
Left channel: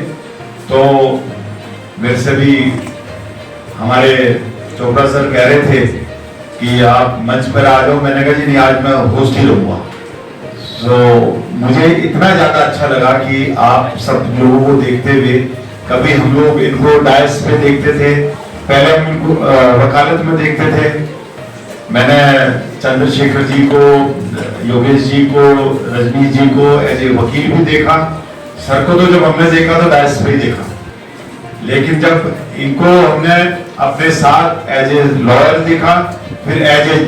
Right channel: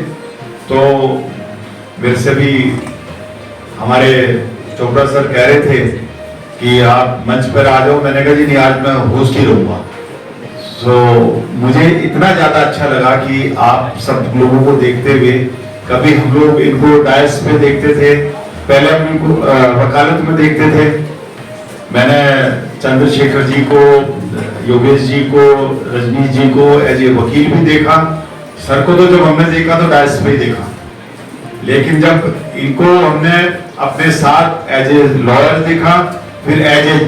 तो मेरे से भी हमारे चोपड़ा सर कह रहे थे कि आप मंच पर आ जाओ, मैंने कहा जी नहीं, आज मैं होस्ट ही रहूंगा। तो मुझे इतना ज्यादा अच्छा लगा कि आप सब लोगों को देखते हुए, कभी हम लोग इनको डायस पे देखते थे, पहले हम इनको वकालत में देखते थे, मैंने चंद्रशेखर जी को, योगेश जी को, रजनीश जी को एज ए वकील भी देखा, सर को तो जब हमने देखा तो डायस पे ही देखा, लेकिन जब इनको हमने अपने साथ एज ए लॉयर देखा, फिर एज ए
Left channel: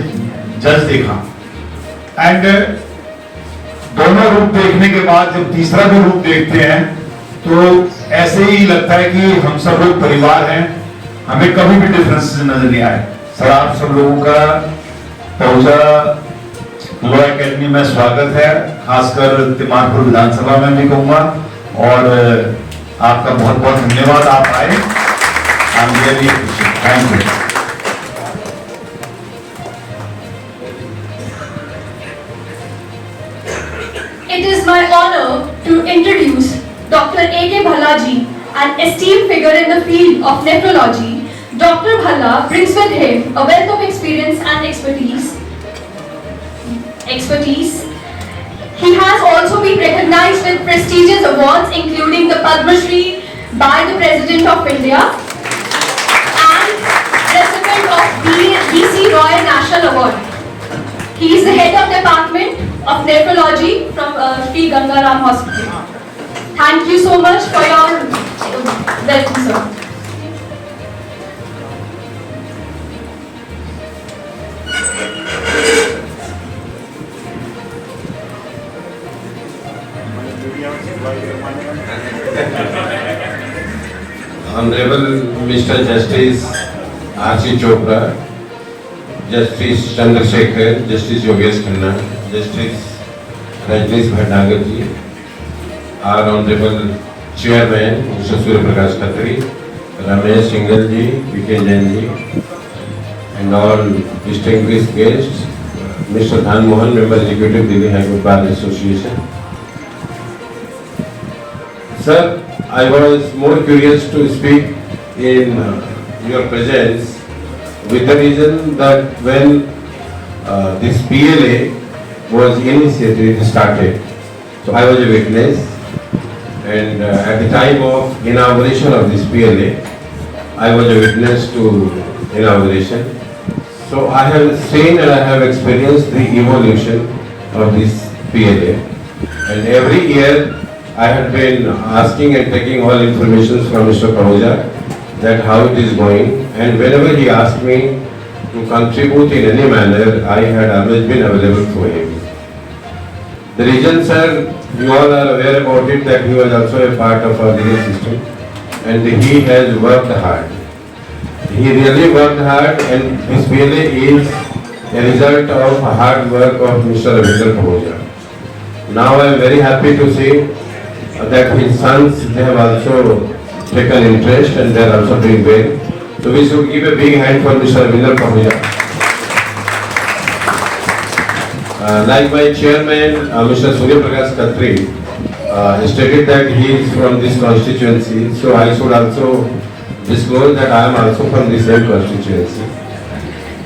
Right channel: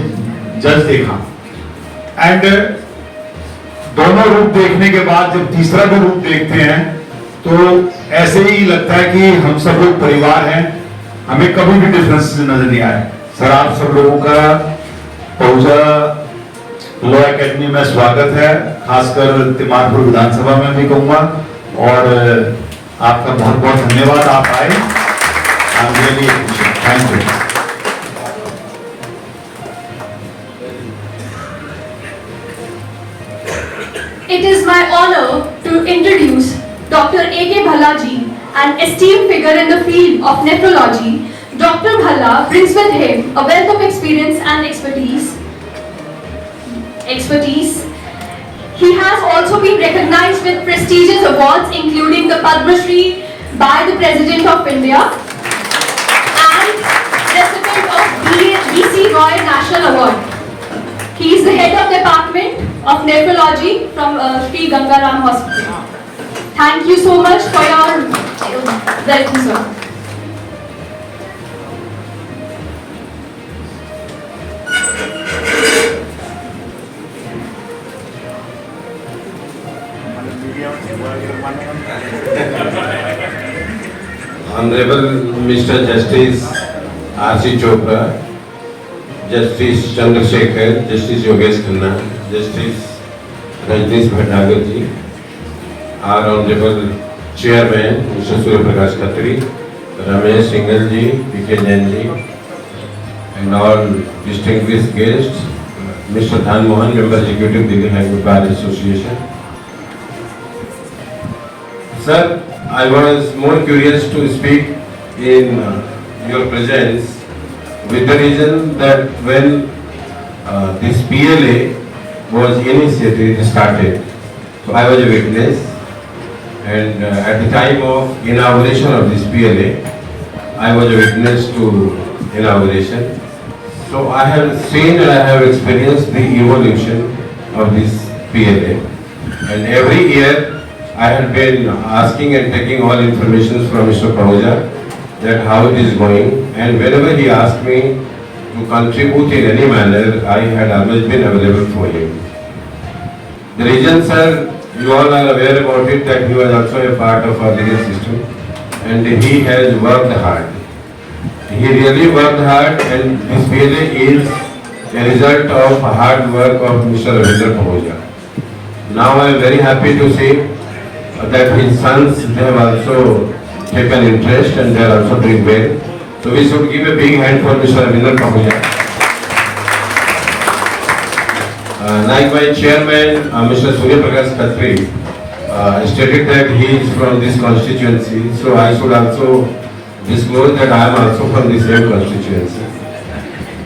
जज देखा, एंड दोनों रूप देखने के बाद जब तीसरा भी रूप देखते हैं तो ऐसे ही लगता है कि हम सब लोग परिवार हैं, हमें कभी भी डिफरेंस नजर नहीं आए। सर, आप सब लोगों का पहुंचा लॉ एकेडमी में स्वागत है, खासकर तिमारपुर विधानसभा में भी कहूंगा, और आपका बहुत बहुत धन्यवाद, आप आए, thank you. It is my honor to introduce Dr. A.K. Bhalla ji, an esteemed figure in the field of nephrology. Dr. Bhalla brings with him a wealth of experience and expertise. He has also been recognized with prestigious awards including the Padma Shri by the President of India and recipient of BC Roy National Award. He is the head of the Department of Nephrology from Sri Gangaram Hospital. Thank you so much for your welcome, sir. Honorable Mr. Justice R.C. Chopra, Justice Chandrasekhar, Justice Yogesh Khanna, Justice Rajneesh Bhattacharya ji, our Honorable Chairman Mr. Surya Prakash Khatri, Ramesh Singhal ji, P.K. Jain ji, and all distinguished guests, Mr. Dhan Mohan, Member Executive Delhi High Court Bar Association. Sir, I was more curious to speak in your presence, with the reason that when this PLA was initiated, started, so I was a witness, and at the time of inauguration of this PLA, I was a witness to inauguration. So I have seen and I have experienced the evolution of this PLA, and every year I had been asking and taking all information from Mr. Pahuja that how it is going, and whenever he asked me to contribute in any manner, I had always been available for him. The reason, sir, you all are aware about it, that he was also a part of our legal system, and he has worked hard. He really worked hard, and this PLA is a result of hard work of Mr. Ravindra Pahuja. Now I am very happy to say that his sons, they have also taken interest and they are also doing well. So we should give a big hand for Mr. Ravindra Pahuja. Like my chairman, Mr. Surya Prakash Khatri, stated that he is from this constituency, so I should also disclose that I am also from the same constituency.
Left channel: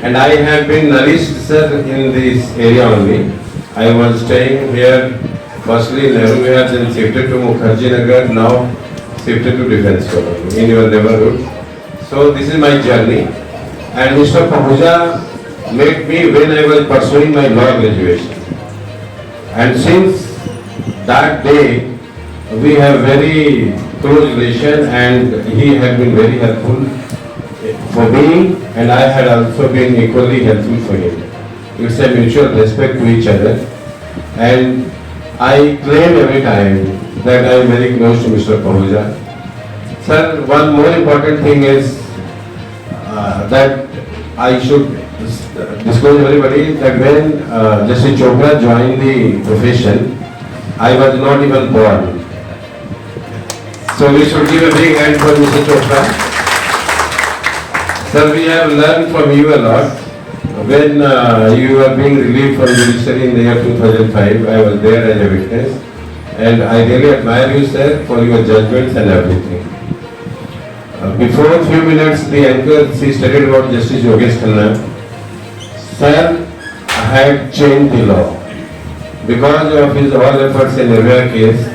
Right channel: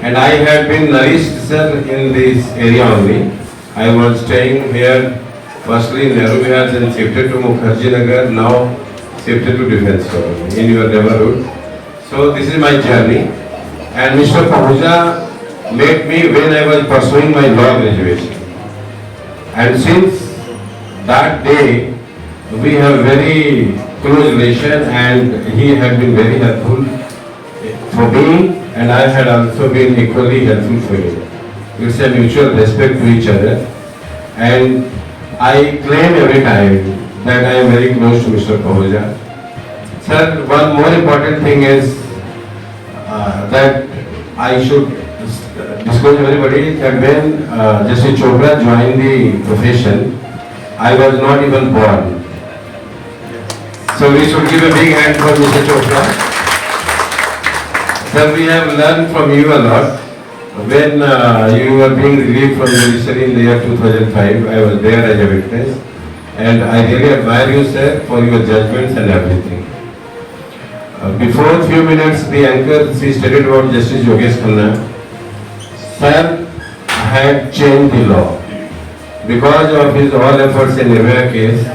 And I have been nourished, sir, in this area only. I was staying here firstly in Nehru Vihar, then shifted to Mukherjee Nagar, now shifted to Defence Colony in your neighborhood. So this is my journey, and Mr. Pahuja met me when I was pursuing my law graduation, and since that day we have very close relation, and he has been very helpful for me, and I had also been equally helpful for him. It's a mutual respect to each other, and I claim every time that I am very close to Mr. Pahuja. Sir, one more important thing is that I should disclose everybody that when Justice Chopra joined the profession, I was not even born. So we should give a big hand for Mr. Chopra. Sir, we have learned from you a lot. When you were being relieved from judiciary in the year 2005, I was there as a witness, and I really admire you, sir, for your judgments and everything. Before a few minutes, the anchor, she studied about Justice Yogesh Khanna. Sir had changed the law. Because of his all efforts in Nirvaya case,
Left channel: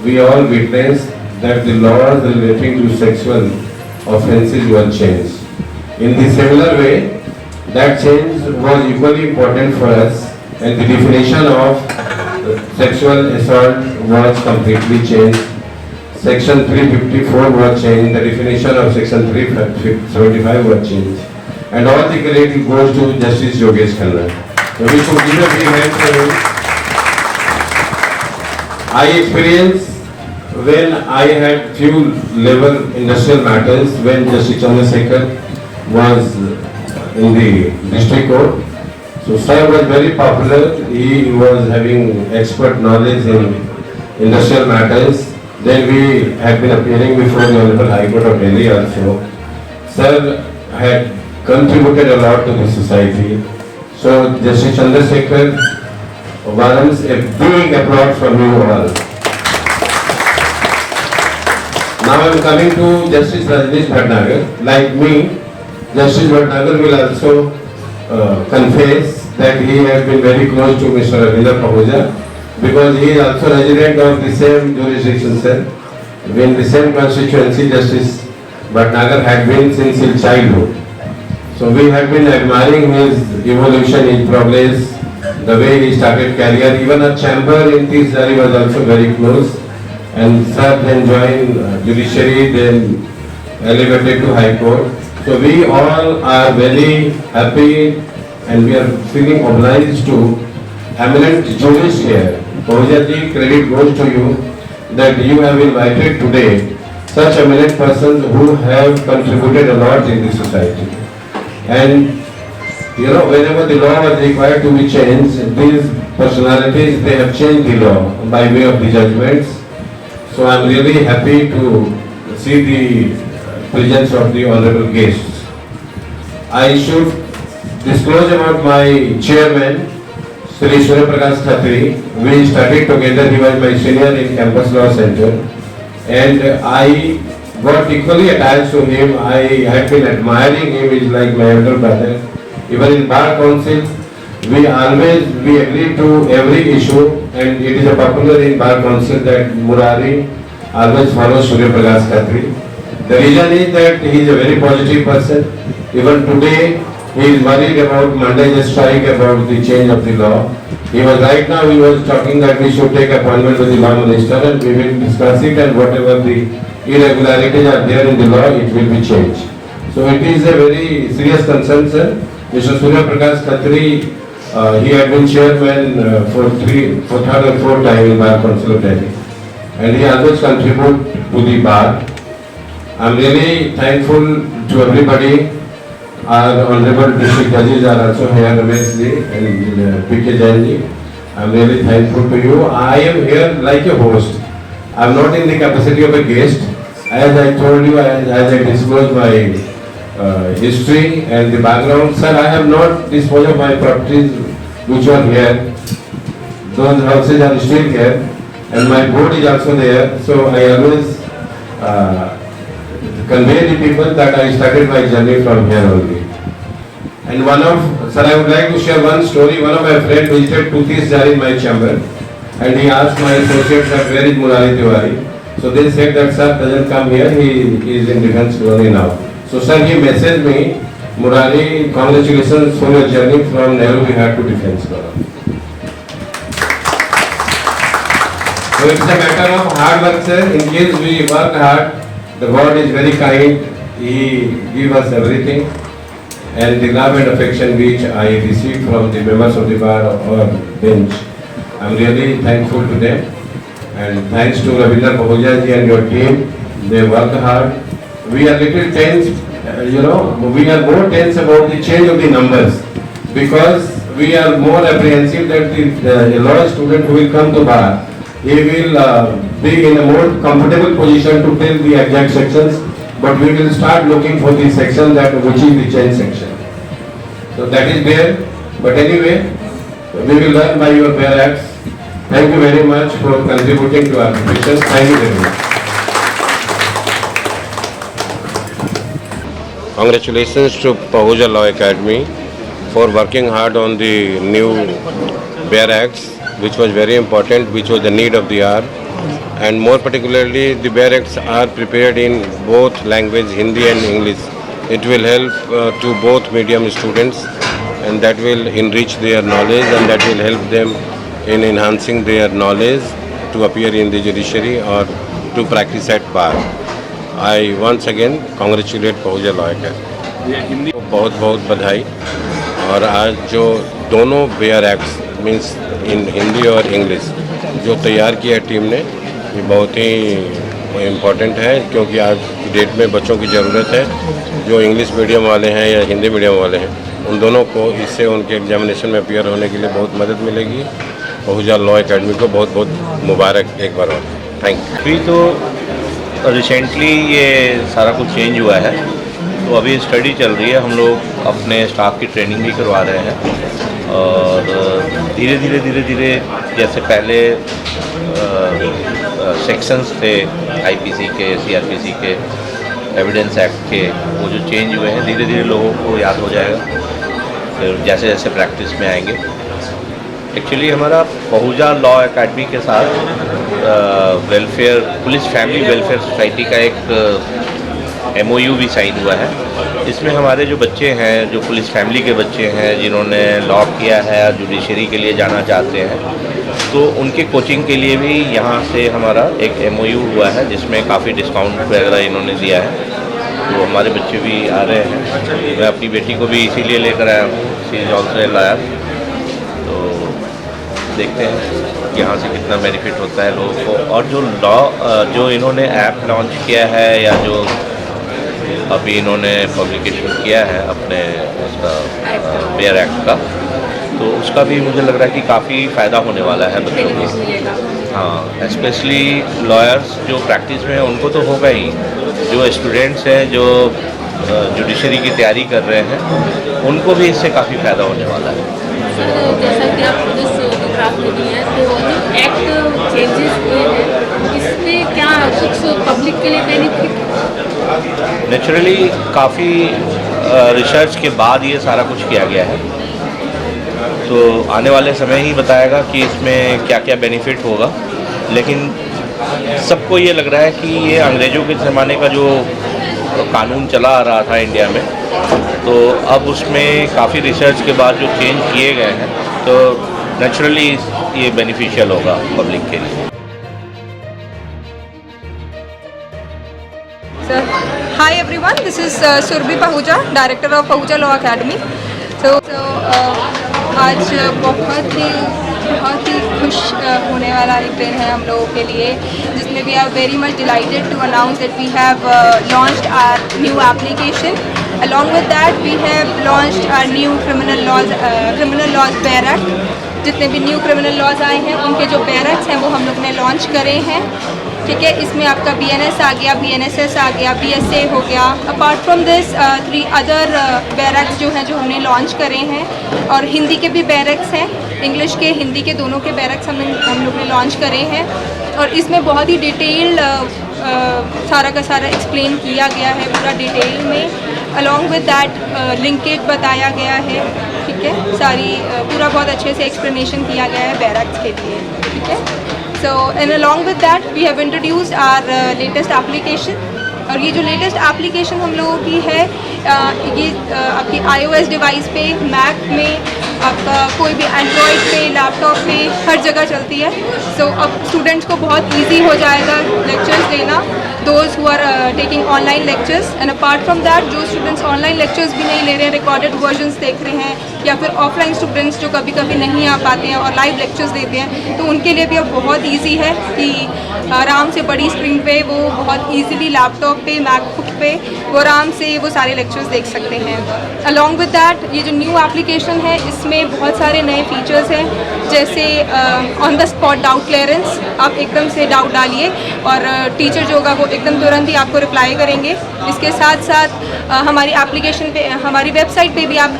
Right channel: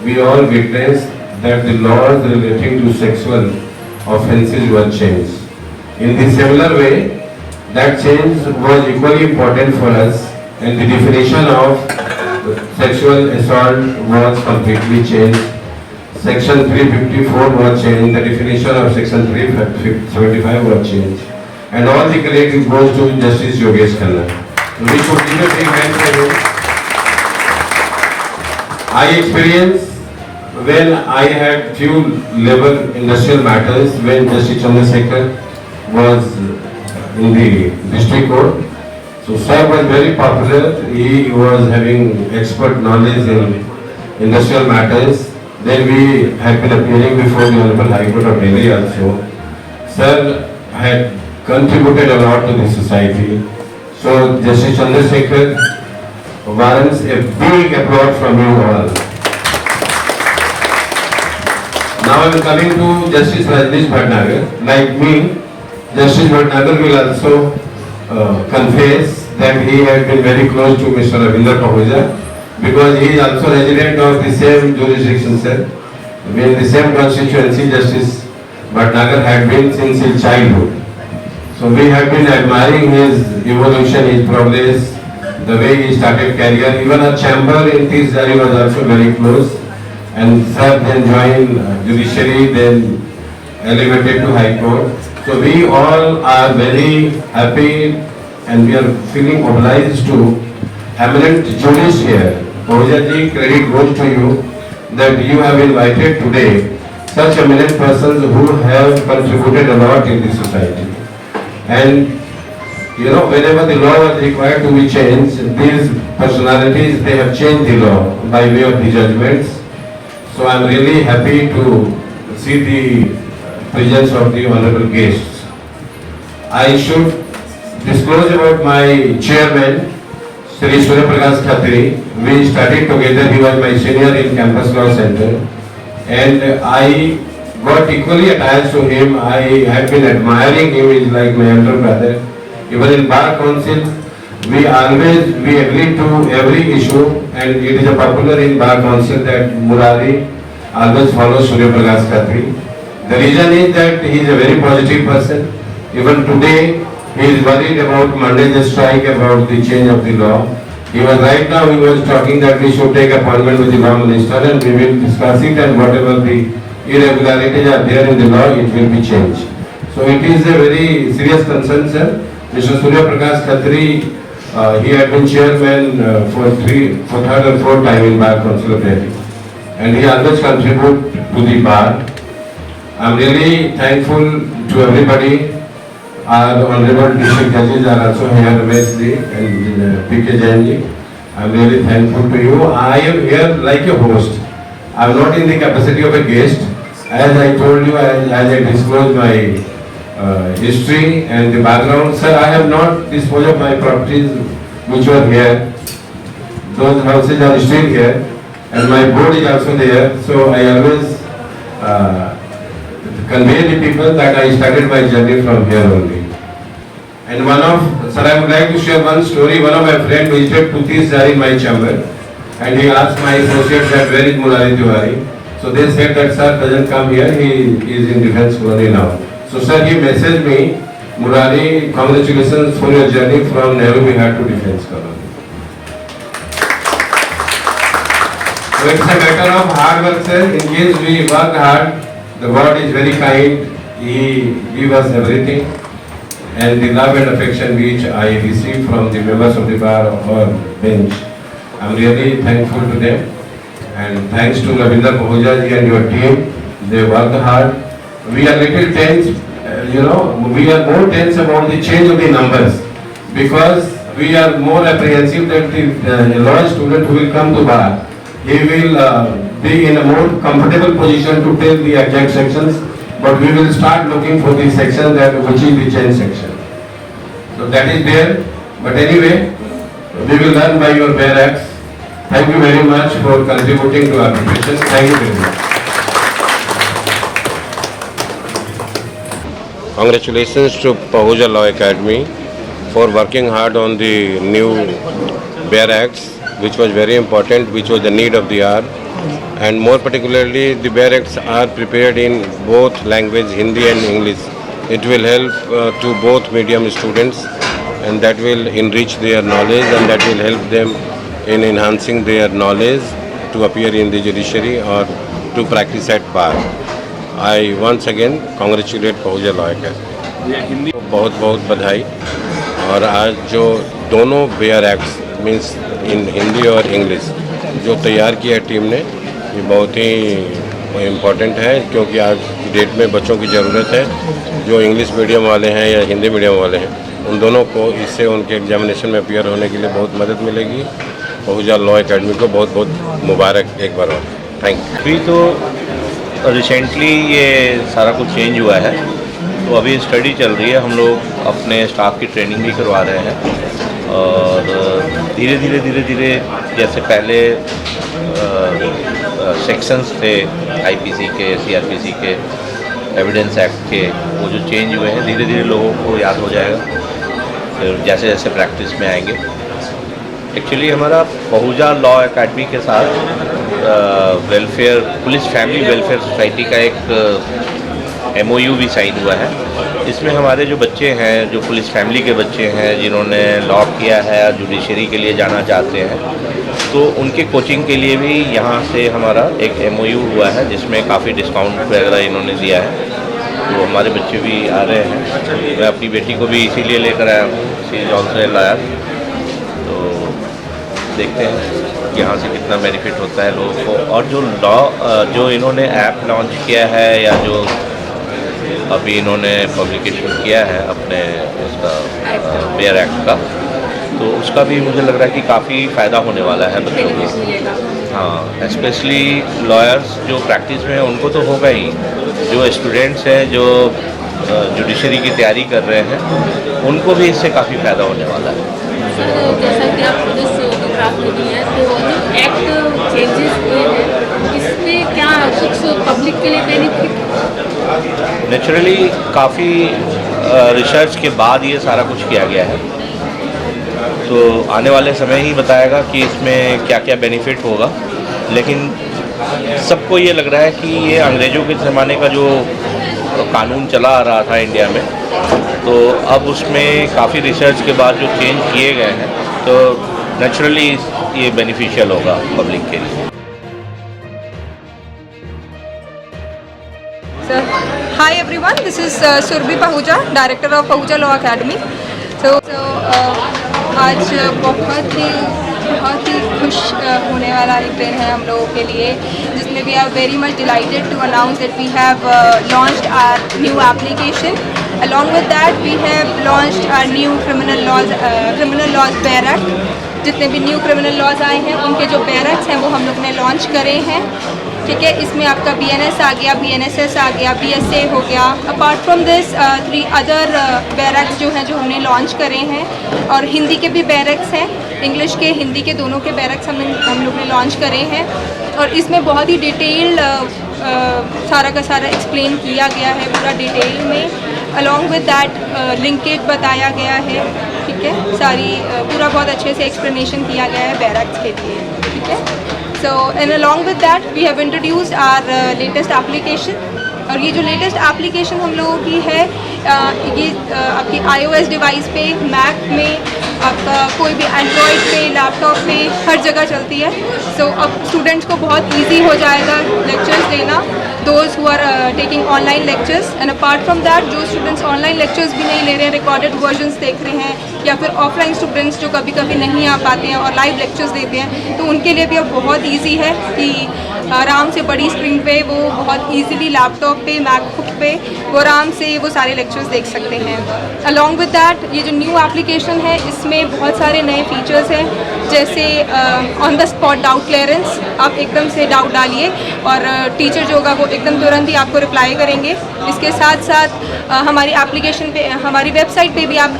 we all witnessed that the laws relating to sexual offences were changed. In the similar way, that change was equally important for us, and the definition of sexual assault was completely changed. Section 354 was changed, the definition of section 375 was changed, and all the credit goes to Justice Yogesh Khanna. So we should give a big hand for him. I experienced when I had few level industrial matters when Justice Chandrasekhar was in the district court. So sir was very popular. He was having expert knowledge in industrial matters. Then we had been appearing before the Honorable High Court of Delhi also. Sir had contributed a lot to the society. So Justice Chandrasekhar warrants a big applause from you all. Now I am coming to Justice Rajneesh Bhatnagar. Like me, Justice Bhatnagar will also confess that he has been very close to Mr. Ravinder Pahuja, because he is also resident of the same jurisdiction, sir. In the same constituency, Justice Bhatnagar had been since his childhood. So we have been admiring his evolution, his progress, the way he started career. Even a chamber in Tisdari was also very close. And sir then joined judiciary, then elevated to High Court. So we all are very happy and we are feeling obliged to eminent jurists here. Pahuja ji, credit goes to you that you have invited today such eminent persons who have contributed a lot in the society. And you know, whenever the law was required to be changed, these personalities, they have changed the law by way of the judgments. So I am really happy to see the presence of the honorable guests. I should disclose about my chairman, Sri Surya Prakash Khatri. We studied together. He was my senior in Campus Law Center, and I got equally attached to him. I had been admiring him. He's like my elder brother. Even in Bar Council, we agreed to every issue, and it is a popular in Bar Council that Murari always follows Surya Prakash Khatri. The reason is that he is a very positive person. Even today, he is worried about Monday's strike, about the change of the law. He was talking that we should take appointment with the law minister and we will discuss it, and whatever the irregularities are there in the law, it will be changed. So it is a very serious concern, sir. Mr. Surya Prakash Khatri, he had been chairman for third and fourth time in Bar Council of Delhi, and he always contribute to the bar. I am really thankful to everybody. Our honorable district judges are also here, Ramesh ji and P.K. Jain ji. I am really thankful to you. I am here like a host. I am not in the capacity of a guest. As I told you, as I disclosed my history and the background, sir, I have not disposed of my properties which are here. Those houses are still here, and my board is also there. So I always convey the people that I started my journey from here only. And sir, I would like to share one story. One of my friends visited Tisdari in my chamber, and he asked my associates that where is Murari Tiwari. So they said that sir doesn't come here, he is in defense colony now. So sir, he messaged me, Murari, congratulations for your journey from Nehru Vihar to defense colony. So it's a matter of hard work, sir. In case we work hard, the God is very kind. he gave us everything, and the love and affection which I received from the members of the bar or bench. I'm really thankful to them, and thanks to Ravinder Pahuja ji and your team. They worked hard. We are little tense, we are more tense about the change of the numbers, because we are more apprehensive that the lot of student who will come to bar, he will be in a more comfortable position to tell the exact sections, but we will start looking for the section that which is the change section. So that is there, but anyway, we will learn by your bare acts. Thank you very much for contributing to our preparation. Thank you very much. Congratulations to Pahuja Law Academy for working hard on the new bare acts, which was very important, which was the need of the hour. And more particularly, the bare acts are prepared in both language, Hindi and English. It will help to both medium students, and that will enrich their knowledge, and that will help them in enhancing their knowledge to appear in the judiciary or to practice at bar. I once again congratulate Pahuja Law Academy. बहुत बहुत बधाई। और आज जो दोनों bear acts means in Hindi और English जो तैयार किया है टीम ने, ये बहुत ही इम्पोर्टेंट है, क्योंकि आज की डेट में बच्चों की ज़रूरत है जो इंग्लिश मीडियम वाले हैं या हिंदी मीडियम वाले हैं, उन दोनों को इससे उनके एग्जामिनेशन में अपीयर होने के लिए बहुत मदद मिलेगी। पहुजा लॉ एकेडमी को बहुत बहुत मुबारक एक बार और थैंक यू। अभी तो रिसेंटली ये सारा कुछ चेंज हुआ है, तो अभी स्टडी चल रही है। हम लोग अपने स्टाफ की ट्रेनिंग भी करवा रहे हैं, और धीरे धीरे जैसे पहले सेक्शंस थे आईपीसी के, सीआरपीसी के, एविडेंस एक्ट के, वो जो चेंज हुए हैं धीरे धीरे लोगों को याद हो जाएगा फिर जैसे जैसे प्रैक्टिस में आएंगे। एक्चुअली हमारा पहुजा लॉ एकेडमी के साथ welfare police family welfare society का एक MOU भी साइन हुआ है। इसमें हमारे जो बच्चे हैं, जो पुलिस फैमिली के बच्चे हैं जिन्होंने लॉ किया है और जुडिशरी के लिए जाना चाहते हैं, तो उनके कोचिंग के लिए भी यहाँ से हमारा एक MOU हुआ है, जिसमें काफ़ी डिस्काउंट वगैरह इन्होंने दिया है। तो हमारे बच्चे भी आ रहे हैं। मैं अपनी बेटी को भी इसीलिए लेकर आया हूँ, शी इज़ ऑल्सो लाया। तो देखते हैं यहाँ से कितना बेनिफिट होता है लोगों को। और जो लॉ जो इन्होंने ऐप लॉन्च किया है या जो अभी इन्होंने पब्लिकेशन किया है अपने उसका बेयर एक्ट का, तो उसका भी मुझे लग रहा है कि काफ़ी फ़ायदा होने वाला है बच्चों को। हाँ, स्पेशली लॉयर्स जो प्रैक्टिस में हैं उनको तो होगा ही, जो स्टूडेंट्स हैं जो जुडिशरी की तैयारी कर रहे हैं उनको भी इससे काफ़ी फ़ायदा होने वाला है। सर, जैसा कि आप पुलिस ड्राफ्ट में दिए हैं, तो जो एक्ट चेंजेस हुए हैं इसमें क्या कुछ पब्लिक के लिए बेनिफिट? नेचुरली काफ़ी रिसर्च के बाद ये सारा कुछ किया गया है, तो आने वाले समय ही बताएगा कि इसमें क्या क्या बेनिफिट होगा। लेकिन सबको ये लग रहा है कि ये अंग्रेज़ों के ज़माने का जो कानून चला आ रहा था इंडिया में, तो अब उसमें काफ़ी रिसर्च के बाद जो चेंज किए गए हैं, तो नेचुरली ये बेनिफिशियल होगा पब्लिक के लिए। Hi everyone, this is Surbhi Pahuja, Director of Pahuja Law Academy. आज बहुत ही खुश होने वाला एक दिन है हम लोगों के लिए, जिसमें we are very much delighted to announce that we have launched our new application. Along with that, we have launched our new criminal laws bare act. जितने भी न्यू क्रिमिनल लॉज आए हैं उनके जो bare acts हैं वो हम लोग ने लॉन्च करे हैं। ठीक है, इसमें आपका BNS आ गया, BNSS आ गया, BSA हो गया। Apart from this 3 other bare acts जो हैं जो हमने लॉन्च करे हैं, और हिंदी के भी bare acts हैं, इंग्लिश के हिंदी के दोनों के bare acts हम लोग ने लॉन्च करे हैं। और इसमें बहुत ही डिटेल्ड सारा का सारा एक्सप्लेन किया गया है पूरा डिटेल में। अलॉन्ग विद दैट लिंकेज बताया गया है। ठीक है, सारी पूरा बहुत अच्छे से एक्सप्लेनेशन किया गया है bare acts के लिए। ठीक है, so and along with that we have introduced our latest application। और ये जो लेटेस्ट एप्लीकेशन हम लोगों की है, ये आपकी iOS डिवाइस पे, मैक में, आपका कोई भी एंड्रॉयड पे, लैपटॉप पे, हर जगह चलती है। सो अब स्टूडेंट्स को बहुत इजी हो जाएगा लेक्चर्स लेना। those who are taking online lectures, and apart from that जो students online lectures भी नहीं ले रहे हैं, recorded versions देख रहे हैं, या फिर offline students जो कभी कभी नहीं आ पाते हैं और live lectures देते हैं, तो उनके लिए भी अब बहुत easy है कि आराम से बड़ी स्क्रीन पे वो बहुत easily लैपटॉप पे, मैकबुक पे वो आराम से वो सारे लेक्चर्स देख सकते हैं। अलॉन्ग विद दैट ये जो न्यू एप्लीकेशन है इसमें बहुत सारे नए फीचर्स हैं, जैसे on the spot doubt clearance. आप एकदम से डाउट डालिए और टीचर जो होगा वो एकदम तुरंत ही आपको रिप्लाई करेंगे। इसके साथ साथ हमारी एप्लीकेशन पे, हमारी वेबसाइट पे भी आप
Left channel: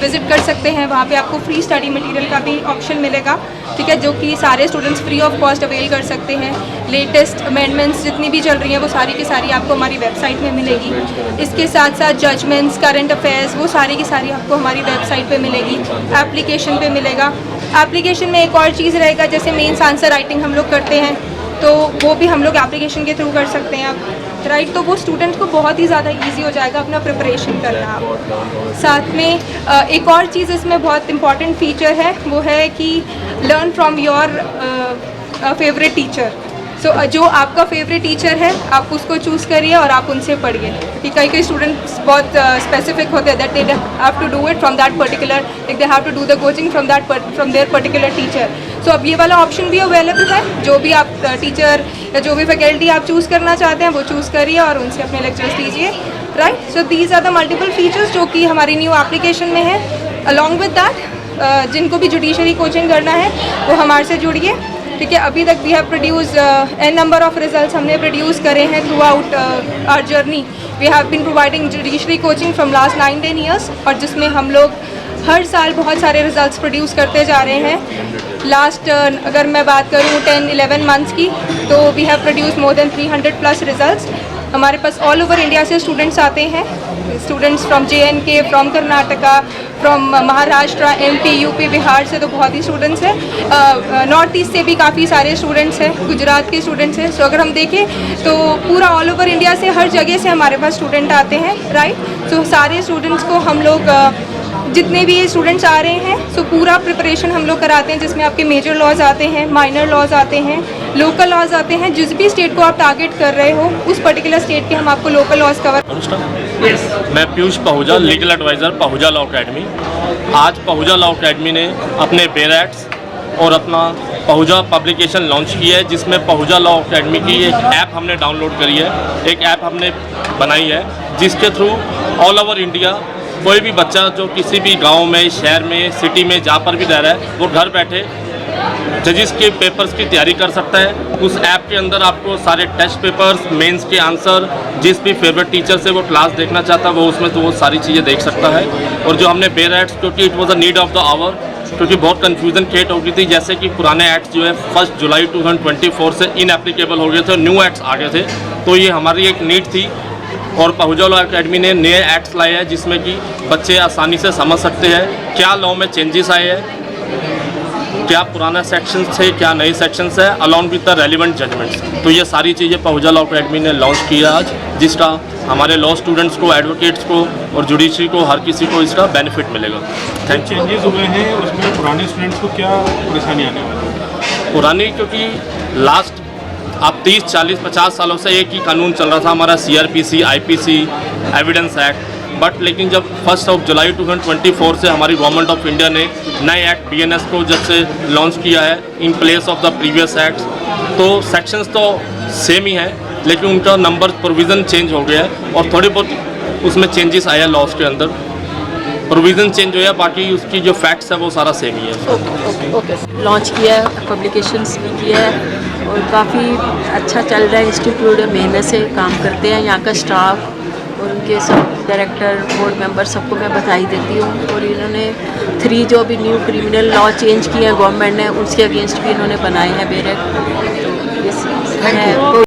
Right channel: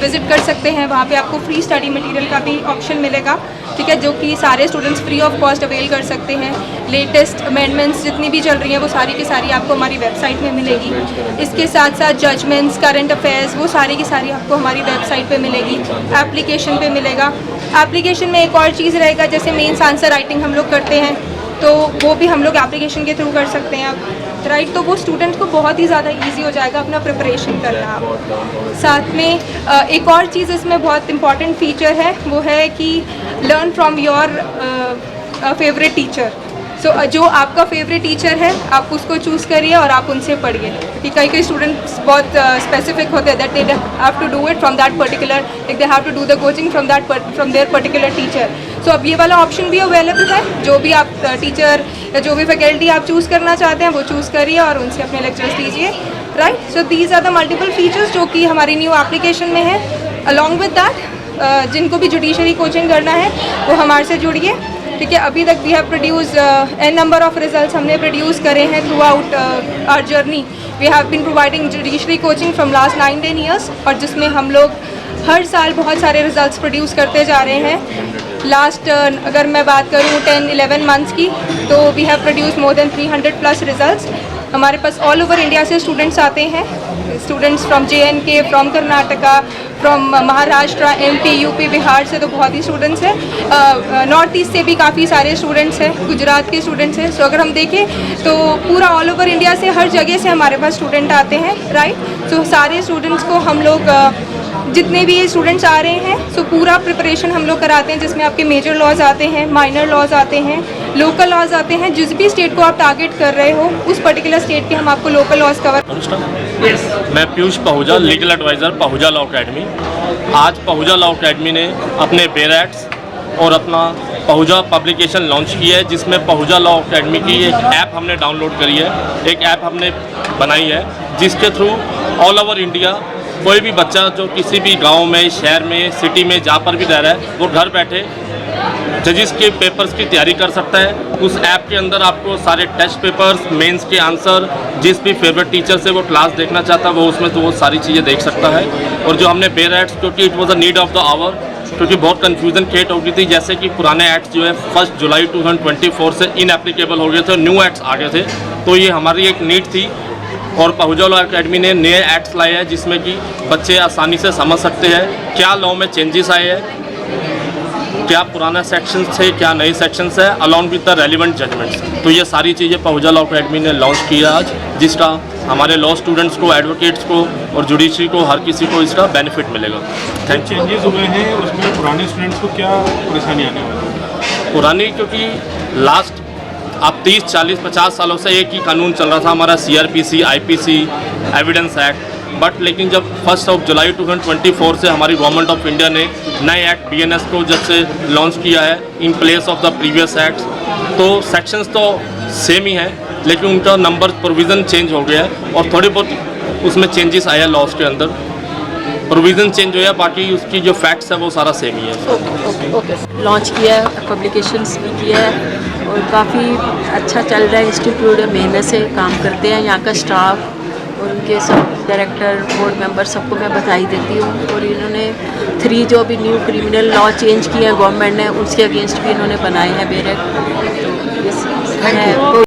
विज़िट कर सकते हैं, वहाँ पे आपको फ्री स्टडी मटेरियल का भी ऑप्शन मिलेगा, ठीक है, जो कि सारे students free of cost avail कर सकते हैं। लेटेस्ट अमेंडमेंट्स जितनी भी चल रही हैं वो सारी की सारी आपको हमारी वेबसाइट में मिलेगी। इसके साथ साथ जजमेंट्स, करंट अफेयर्स, वो सारी की सारी आपको हमारी वेबसाइट पे मिलेगी, एप्लीकेशन पे मिलेगा। एप्लीकेशन में एक और चीज़ रहेगा, जैसे मेंस आंसर राइटिंग हम लोग करते हैं तो वो भी हम लोग एप्लीकेशन के थ्रू कर सकते हैं आप, राइट। तो वो स्टूडेंट को बहुत ही ज़्यादा इजी हो जाएगा अपना प्रिपरेशन करना। आप साथ में एक और चीज़ इसमें बहुत इंपॉर्टेंट फीचर है, वो है कि learn from your favourite teacher. So जो आपका फेवरेट टीचर है आप उसको चूज़ करिए और आप उनसे पढ़िए, क्योंकि कई स्टूडेंट्स बहुत स्पेसिफिक होते हैं that they have to do it from that particular, like they have to do the coaching from their particular teacher. So अब ये वाला ऑप्शन भी अवेलेबल है, जो भी आप टीचर या जो भी फैकल्टी आप चूज़ करना चाहते हैं वो चूज़ करिए और उनसे अपने लेक्चर्स लीजिए, right. So these are the multiple features जो कि हमारी न्यू एप्लीकेशन में है। अलॉन्ग विद दैट जिनको भी जुडिशरी कोचिंग करना है वो हमारे से जुड़िए, ठीक है। अभी तक we have produce an number of results हमने प्रोड्यूस करे हैं throughout our journey. We have been providing judiciary coaching from last 9-10 years, और जिसमें हम लोग हर साल बहुत सारे रिजल्ट्स प्रोड्यूस करते जा रहे हैं। लास्ट अगर मैं बात करूँ 10-11 मंथ्स की, तो we have produce more than 300+ results. हमारे पास ऑल ओवर इंडिया से स्टूडेंट्स आते हैं, students from JNK, from Karnataka, from Maharashtra, MP, UP, Bihar से तो बहुत ही स्टूडेंट्स हैं। नॉर्थ ईस्ट से भी काफ़ी सारे स्टूडेंट्स हैं, गुजरात के स्टूडेंट्स हैं। सो अगर हम देखें तो पूरा ऑल ओवर इंडिया से हर जगह से हमारे पास स्टूडेंट आते हैं, राइट। सो सारे स्टूडेंट्स को हम लोग जितने भी स्टूडेंट्स आ रहे हैं सो पूरा प्रिपरेशन हम लोग कराते हैं, जिसमें आपके मेजर लॉज आते हैं, माइनर लॉज आते हैं, लोकल लॉज आते हैं। जिस भी स्टेट को आप टारगेट कर रहे हो उस पर्टिकुलर स्टेट के हम आपको लोकल लॉज कवर। मैं Piyush Pahuja, legal adviser Pahuja law academy. आज पहुजा लॉ अकेडमी ने अपने बेरेट्स और अपना पहुजा पब्लिकेशन लॉन्च की है, जिसमें पहुजा लॉ अकेडमी की एक ऐप हमने डाउनलोड करी है, एक ऐप हमने बनाई है, जिसके थ्रू ऑल ओवर इंडिया कोई भी बच्चा जो किसी भी गांव में, शहर में, सिटी में जहाँ पर भी रह रहा है वो घर बैठे जजिस के पेपर्स की तैयारी कर सकता है। उस ऐप के अंदर आपको सारे टेस्ट पेपर्स, मेंस के आंसर, जिस भी फेवरेट टीचर से वो क्लास देखना चाहता है वो उसमें तो वो सारी चीज़ें देख सकता है। और जो हमने बेरेट्स, क्योंकि it was a need of the hour, क्योंकि बहुत कन्फ्यूज़न क्रिएट हो गई थी, जैसे कि पुराने एक्ट्स जो है 1 जुलाई 2024 से इनएप्लीकेबल हो गए थे, न्यू एक्ट्स आ गए थे, तो ये हमारी एक नीड थी। और पहुजा लॉ अकेडमी ने नए एक्ट्स लाए हैं जिसमें कि बच्चे आसानी से समझ सकते हैं क्या लॉ में चेंजेस आए हैं, क्या पुराना सेक्शंस थे, क्या नए सेक्शंस है, along with the relevant judgements. तो ये सारी चीज़ें पहुजा लॉ अकेडमी ने लॉन्च किया आज, जिसका हमारे लॉ स्टूडेंट्स को, एडवोकेट्स को और जुडिशरी को, हर किसी को इसका बेनिफिट मिलेगा। Thank you. चेंजेस हुए हैं उसमें पुराने स्टूडेंट्स को क्या परेशानी आने वाली है? पुरानी, क्योंकि लास्ट आप 30, 40, 50 सालों से एक ही कानून चल रहा था हमारा, CRPC, IPC, evidence act, but लेकिन जब 1 जुलाई 2024 से हमारी गवर्नमेंट ऑफ इंडिया ने नए एक्ट BNS को जब से लॉन्च किया है in place of the previous act, तो सेक्शंस तो सेम ही हैं लेकिन उनका नंबर प्रोविज़न चेंज हो गया है और थोड़ी बहुत उसमें चेंजेस आया, लॉज के अंदर प्रोविज़न चेंज हुआ, बाकी उसकी जो फैक्ट्स है वो सारा सेम ही है। लॉन्च किया है, पब्लिकेशंस भी किया है और काफ़ी अच्छा चल रहा है। इंस्टीट्यूट मेहनत से काम करते हैं, यहाँ का स्टाफ और उनके सब डायरेक्टर, बोर्ड मेंबर, सबको मैं बधाई देती हूँ। और इन्होंने 3 जो अभी न्यू क्रिमिनल लॉ चेंज किए हैं गवर्नमेंट ने, उसके अगेंस्ट भी इन्होंने बनाए हैं बेरेट। तो